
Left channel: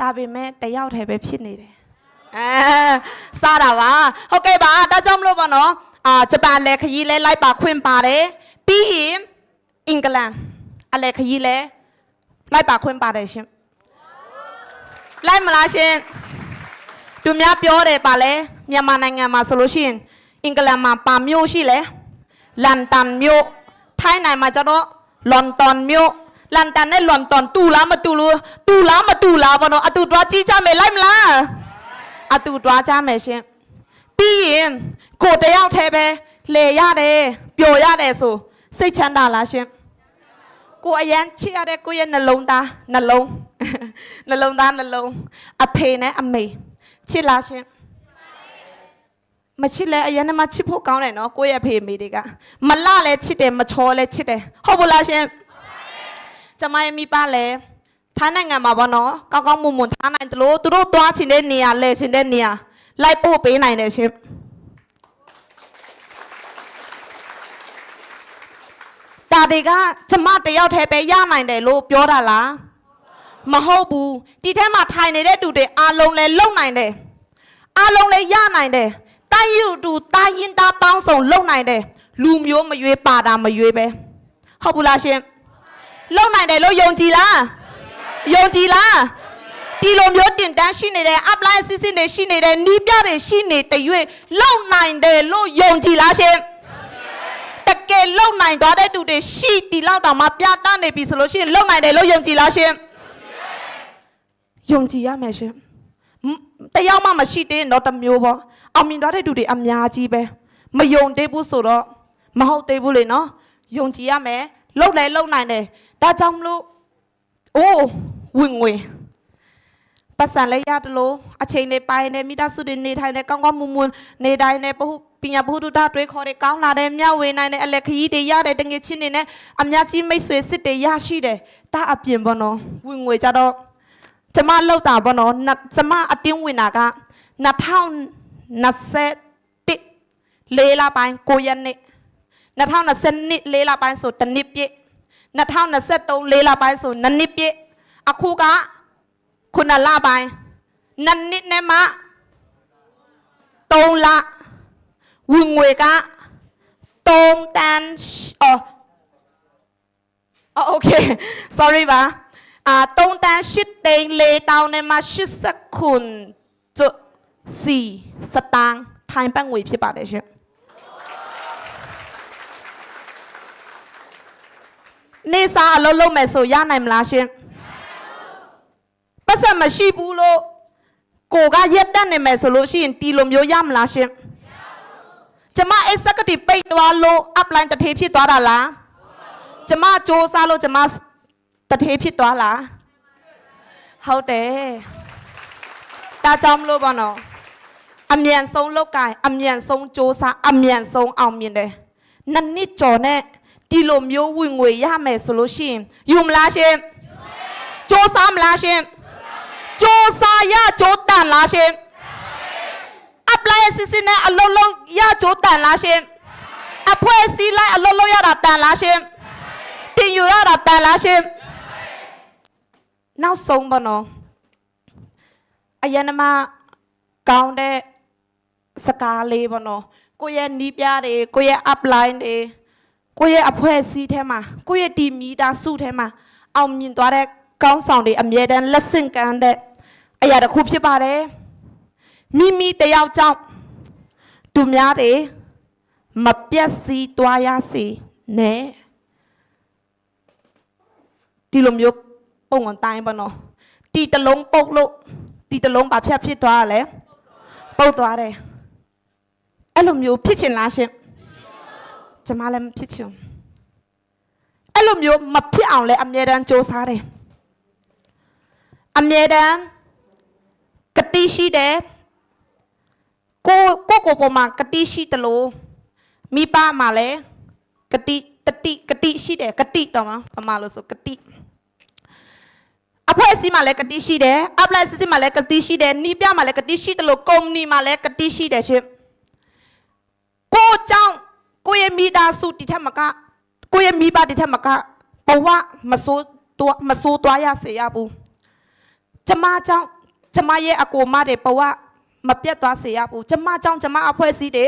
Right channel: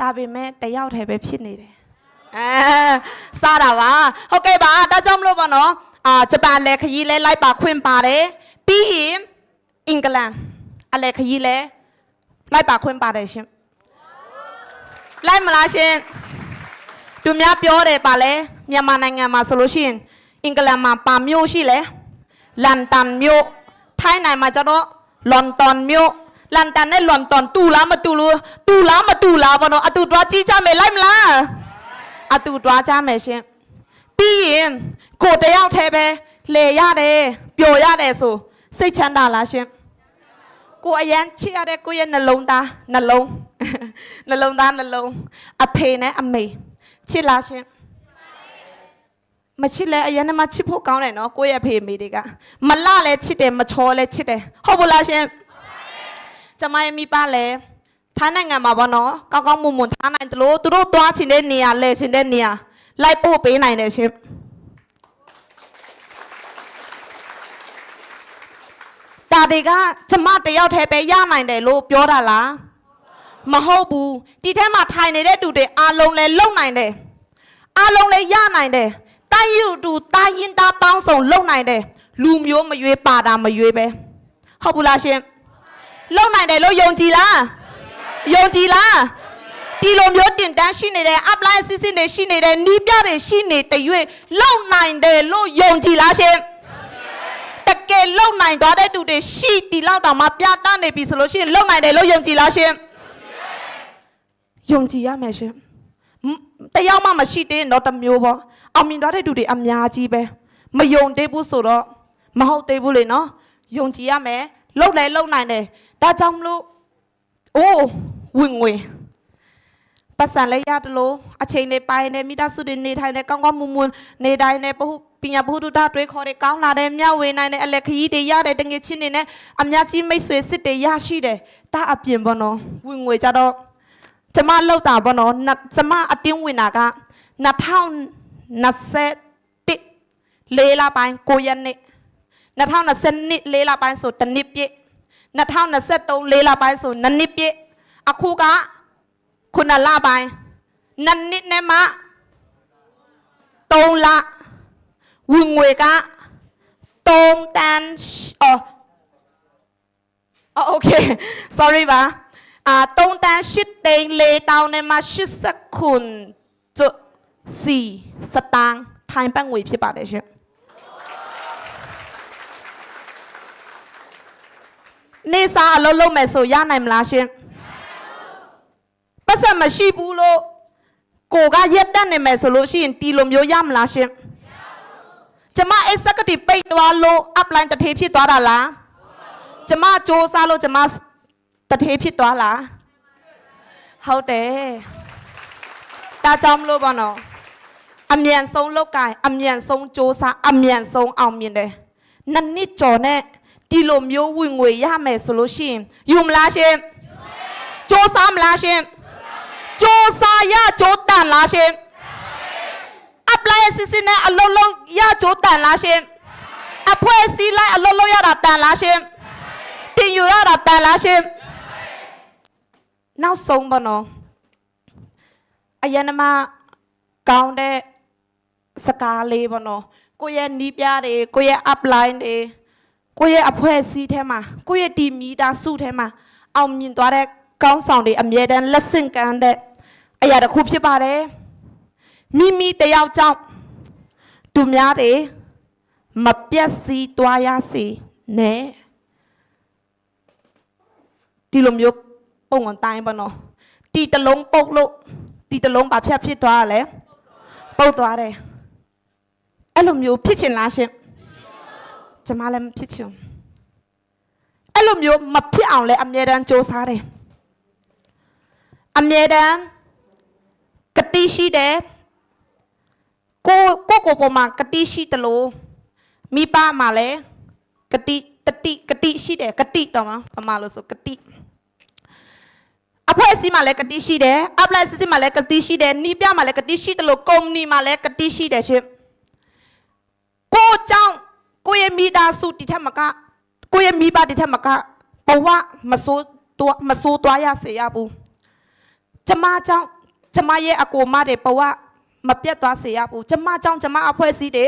ဒါပေမဲ့တယောက်တည်းပဲဖြစ်နေတယ်စားတာပါဟုတ်ကဲ့ပါဒါကြောင့်မလို့ပေါ့နော်ဂျပန်လည်းခရီးလဲလိုက်ပါခွင့်ပါတယ်ပြီးရင်အင်္ဂလန်အလည်းခရီးလဲလိုက်ပါခွင့်ပါတယ်ရှင်လိုက်မလားရှင်သူများပြောတယ်ပါလဲမြန်မာနိုင်ငံမှာဆိုလို့ရှိရင်အင်္ဂလန်မှာပါမြို့ရှိလဲလန်ဒန်မြို့ထိုင်းနိုင်မှာကျတော့လန်ဒန်မြို့လန်ဒန်နဲ့လန်ဒန်တူလားမတူလို့တူလားမတူလားဘောနော်အတူတွားကြည့်ကြမယ်လိုက်မလားအတူတွားကြမယ်ရှင်ပြီးရင်ကိုတယောက်တည်းပဲလေရတယ်ပျော်ရတယ်ဆိုစိတ်ချမ်းသာလားရှင်ကိုအရန်ချစ်ရတဲ့ကိုရဲ့နှလုံးသားနှလုံးသားအဖေနဲ့အမေချစ်လားရှင်မချစ်လဲအရင်ကမှချစ်ဖို့ကောင်းတယ်နော်ကိုယ့်ရဲ့ဖေမေတွေကမလလဲချစ်တယ်မချောလဲချစ်တယ်ဟုတ်ဘူးလားရှင်ကျမရဲ့မိဘလဲထိုင်းနိုင်ငံမှာပေါ့နော်ကောင်းကောင်းမွန်မွန်ထားနိုင်တယ်လို့သူတို့သွားချင်တဲ့နေရာလဲချင်တဲ့နေရာလိုက်ပို့ပေးနိုင်တယ်ရှင်ဒါတွေကကျမတယောက်တည်းပဲရနိုင်တယ်လို့ပြောတာလားမဟုတ်ဘူးဒီထဲမှာထိုင်နေတဲ့သူတွေအားလုံးလဲလုံနိုင်တယ်အားလုံးလဲရနိုင်တယ်တိုင်းယူတူတိုင်းရင်သားပေါင်းစုံလုံနိုင်တယ်လူမျိုးမရွေးပါတာမရွေးပဲဟုတ်ဘူးလားရှင်လုံနိုင်တယ်လို့ယုံကြည်လားယုံကြည်လားဒီလိုမျိုးတင်တန်းရှိနေတယ် apply အစစ်စစ်တွေရှိနေတယ်နီးပြတွေရှိနေတဲ့ရွေးလုံနိုင်တယ်လို့ယုံကြည်လားရှင်တကယ်လုံနိုင်သွားတဲ့သူတွေရှိဒီလောက်တောင်မှပြတတ်နေပြီဆိုလို့ရှိရင်လုံနိုင်တယ်လို့ယုံကြည်လားရှင်ယုံကြည်ရမယ်ရှင်တရားမှမရှိသေးတော့တစ်မျိုးပေါ့အောင်မြင်သွားတဲ့သူတွေအများကြီးပဲမယုံသေးဘူးဆိုတော့မဟုတ်သေးဘူးလေနော်ယုံကြည်ရမယ်လုံနိုင်တယ်ဒါကြောင့်မလို့အိုးဝင်ငွေပတ်စံလဲရတယ်လို့အချိန်နဲ့ပိုင်းနဲ့မိသားစုတွေနေထိုင်နေကောင်းကောင်းမွန်မွန်နေတိုင်းနဲ့ပညာဘုဒ္ဓတွေခေါ်တယ်ကောင်းလာတယ်မျှဝေနိုင်တယ်အလက်ခကြီးတွေရတယ်တငယ်ချင်းတွေနဲ့အများကြီးမိတ်ဆွေစစ်တွေရရှိတယ်ဒါအပြင်ပေါ့နော်ဝင်ငွေကြတော့ကျမလောက်တာပေါ့နော်ကျမအတင်းဝင်တာက2021လေးလပိုင်း9ရက်နေ့2022လေးလပိုင်းဆိုတစ်နှစ်ပြည့်2023လေးလပိုင်းဆို2နှစ်ပြည့်အခုက9လပိုင်း2နှစ်နဲ့မှ3လဝင်ငွေက3တန်းโอเค sorry ပါ3တန်း8သိန်း4တောင်းနဲ့မှ80ခုစီစတန်းထိုင်းဘတ်ငွေဖြစ်ပါတယ်ရှင်နေစားအလုပ်လုပ်မယ်ဆိုရနိုင်မလားရှင်ပတ်စံမရှိဘူးလို့ကိုကရက်တက်နေမယ်ဆိုလို့ရှိရင်တီလိုမျိုးရမလားရှင်ကျမ executive ပိတ်သွားလို့ upline တထေးဖြစ်သွားတာလားကျမစ조사လို့ကျမ တထေးဖြစ်သွားလားဟုတ်တယ်ဒါကြောင့်မလို့ပါနော်အမြန်ဆုံးလောက်ကင်အမြန်ဆုံးစ조사အမြန်ဆုံးအောင်မြင်တယ်နှစ်ကျော်နဲ့ဒီလိုမျိုးဝင်ငွေရမယ်ဆိုလို့ရှိရင်ယူမလားရှင်စ조사မလားရှင်စ조사ရကြိုးတန်လားရှင်apply စစ်စစ်နဲ့အလုံးလုံးရကြိုးတန်လားရှင်အဖွဲ့အစည်းလိုက်အလုံးလုံးရတာတန်လားရှင်တင်ယူရတာတန်လားရှင်နောက်ဆုံးပါနော်အယနမကောင်းတဲ့စကားလေးပါနော်ကိုရဲ့နီးပြတွေကိုရဲ့ upline တွေကိုရဲ့အဖွဲ့အစည်းထဲမှာကိုရဲ့ဒီမီတာစုထဲမှာအောင်မြင်သွားတဲ့ကောင်းဆောင်တွေအမြဲတမ်းလက်ဆင့်ကမ်းတဲ့အရာတစ်ခုဖြစ်ပါတယ်မိတယောက်ကြောင့်သူများတွေမပြတ်စီးသွားရစေနဲ့ဒီလိုမျိုးပုံအတိုင်းပါနော်တီတလုံးပုတ်လို့တီတလုံးဘာဖြစ်သွားလဲပုတ်သွားတယ်အဲ့လိုမျိုးဖြစ်ချင်လားရှင်ကျမလည်းမဖြစ်ချင်အဲ့လိုမျိုးမဖြစ်အောင်လဲအမြဲတမ်းစ조사တယ်အမြဲတမ်းကတိရှိတယ်ကိုပေါ်မှာကတိရှိတယ်လို့မိဘမှာလည်းကတိရှိတယ်ကတိတော့မှာဘာလို့ဆိုကတိအဖွဲ့အစည်းမှာလည်းကတိရှိတယ်အပလက်စစ်စစ်မှာလည်းကတိရှိတယ်နီးပြမှာလည်းကတိရှိတယ်လို့ကုမ္ပဏီမှာလည်းကတိရှိတယ်ရှင်ကိုကြောင့်ကိုရဲ့မိသားစုတိထက်မကကိုရဲ့မိဘတိထက်မကဘဝမဆိုးသွားရစေရဘူးကျမကြောင့်ကျမရဲ့အကိုမတွေဘဝမပြတ်သွားစေရဘူးကျမကြောင့်ကျမအဖွဲ့အစည်းတွေ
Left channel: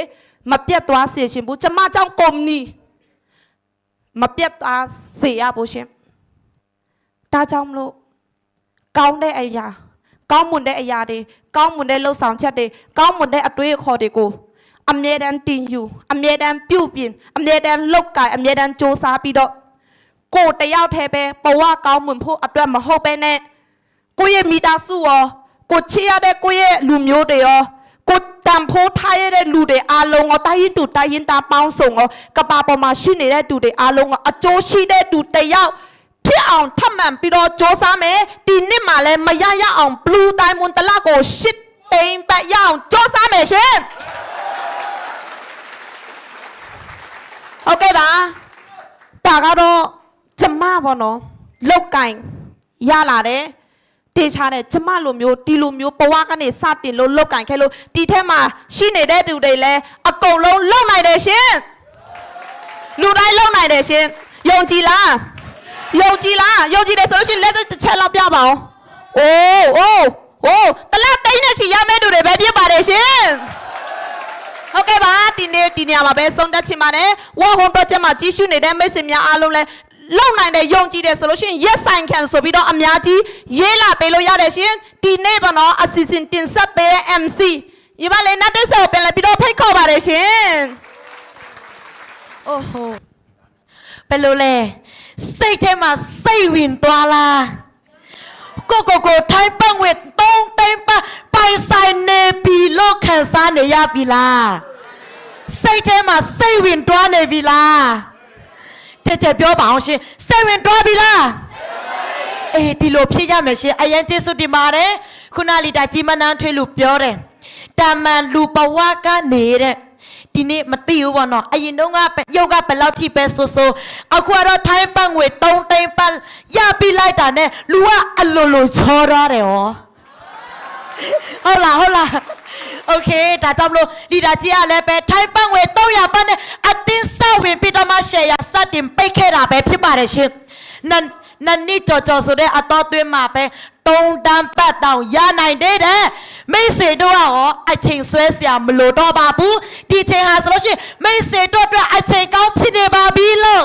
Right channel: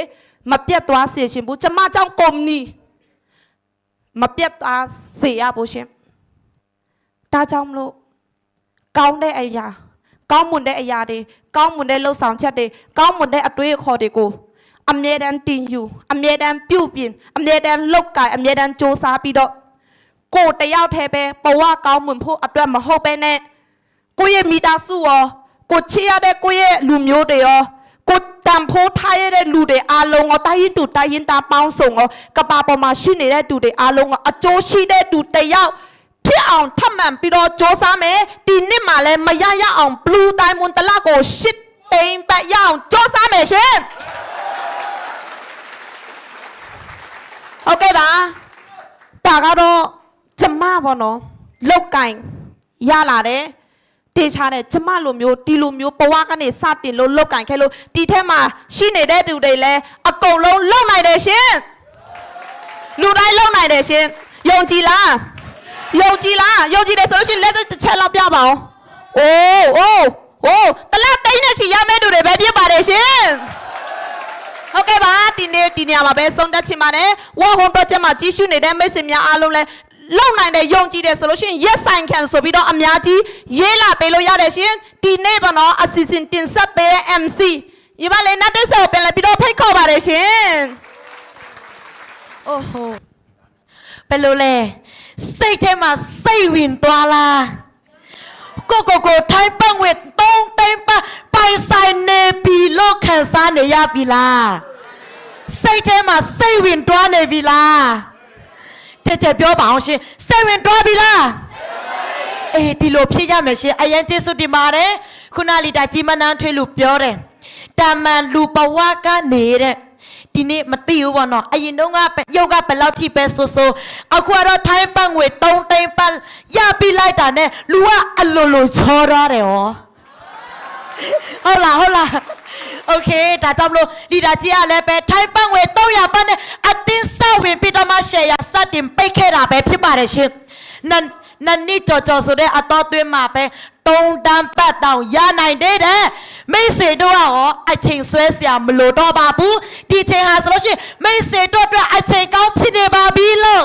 မပြတ်သွားစေရှင်ဘူးကျမကြောင့်ကုမ္ပဏီမပြတ်သွားစေရဘူးရှင်ဒါကြောင့်မလို့ကောင်းတဲ့အရာကောင်းမွန်တဲ့အရာတွေကောင်းမွန်တဲ့လှုပ်ဆောင်ချက်တွေကောင်းမွန်တဲ့အတွေ့အခေါ်တွေကိုအမြဲတမ်းတင်ယူအမြဲတမ်းပြုပြင်အမြဲတမ်းလုတ်ကင်အမြဲတမ်းစ조사ပြီးတော့ကိုတယောက်တည်းပဲဘဝကောင်းမွန်ဖို့အတွက်မဟုတ်ပဲနဲ့ကိုရဲ့မိသားစုရောကိုချစ်ရတဲ့ကိုရဲ့လူမျိုးတွေရောကိုတန်ဖိုးထားရတဲ့လူတွေအားလုံးရောတိုင်းရင်သားပေါင်းစုံရောကဘာပေါ်မှာရှိနေတဲ့သူတွေအားလုံးရောအကျိုးရှိတဲ့သူတယောက်ဖြစ်အောင်ထပ်မံပြီးတော့စ조사မယ်ဒီနှစ်မှာလည်းမရအောင် blue diamond တလကို8သိန်းပတ်ရအောင်စ조사မယ်ရှင်ဟုတ်ကဲ့ပါဒါကတော့ကျမပေါ့နော်လောက်ကင်ရလာတယ်တေချာတယ်ကျမလိုမျိုးဒီလိုမျိုးဘဝကနေစတင်လို့လောက်ကင်ခဲ့လို့ဒီထဲမှာရှိနေတဲ့သူတွေလည်းအကုန်လုံးလုံနိုင်တယ်ရှင်လူတိုင်းလုံနိုင်တယ်ရှင်ယုံကြည်လားယုံကြည်တယ်ဆိုလို့ရှိရင်လက်တစ်ချက်လောက်ပြပါအောင်အိုးတလက်သိန်းနဲ့ချီရမယ့်သူတွေပဲဖြစ်ပါတယ်ရှင်ဟုတ်ကဲ့ပါဒီနေ့ဒီနေရာမှာပဲဆုံးသက်ချင်ပါတယ်ဝါဟွန် project မှာကြီးစုနေတဲ့မိတ်ဆွေများအားလုံးလည်းလုံနိုင်တယ်ယုံကြည်တယ်ဆိုလို့ရှိရင် yes ဆိုင်ခံဆိုပြီးတော့အများကြီးရေးလာပေးလို့ရတယ်ရှင်ဒီနေ့ပေါ့နော်အစီအစဉ်တင်ဆက်ပေးတဲ့ MC ဒီမှာလည်းနောက်တစ်ဆက်ကိုပြန်လာပြီးတော့ဖိတ်ခေါ်ပါတယ်ရှင်အိုးဟိုဘယ်လိုလဲစိတ်ထဲမှာစိတ်ဝင်သွားလားကိုထိုင်းပတ်ဝဲ3သိန်းပတ်ပိုင်ဆိုင်နေပြီလို့ခံစားနေရပြီလားစိတ်ထဲမှာစိတ်ဝင်သွားနေပြီလားကြက်ပြောပါအောင်ရှင်စိတ်ဝင်သွားပြီလားအေးဒီလိုဖြစ်ရမယ်ရှင်အရင်ကျေးဇူးတင်ပါတယ်ခုနလီတာကြီးမနန်းထွေးလို့ပြောတယ်တာမန်လူဘဝနေတဲ့ဒီနေ့မသိဘူးပေါ့နော်အရင်တော့ရုပ်ကဘယ်လောက်ထိပဲဆိုအခုကတော့ထိုင်းပတ်ငွေ3သိန်းပတ်ရပြီးလိုက်တာနဲ့လူကအလိုချောရတယ်ဟောဟုတ်လားโอเคဒါကြောင့်မလို့လီဒါကြီးကလည်းပဲထိုင်းပတ်ငွေ300ပတ်နဲ့အတင်းဆောက်ဝင်ပြီးတော့မှရှယ်ယာစတင်ပိတ်ခဲ့တာပဲဖြစ်ပါတယ်ရှင်နစ်ကြော်ဆိုတဲ့အတော်သွင်းမှာပဲ3တန်းပတ်တောင်ရနိုင်တဲ့မိတ်ဆွေတို့ရောအချိန်ဆွဲเสียမလို့တော့ပါဘူးဒီချိန်ဟာဆိုလို့ရှိရင်မိတ်ဆွေတို့အတွက်အချိန်ကောင်းဖြစ်နေပါပြီလို့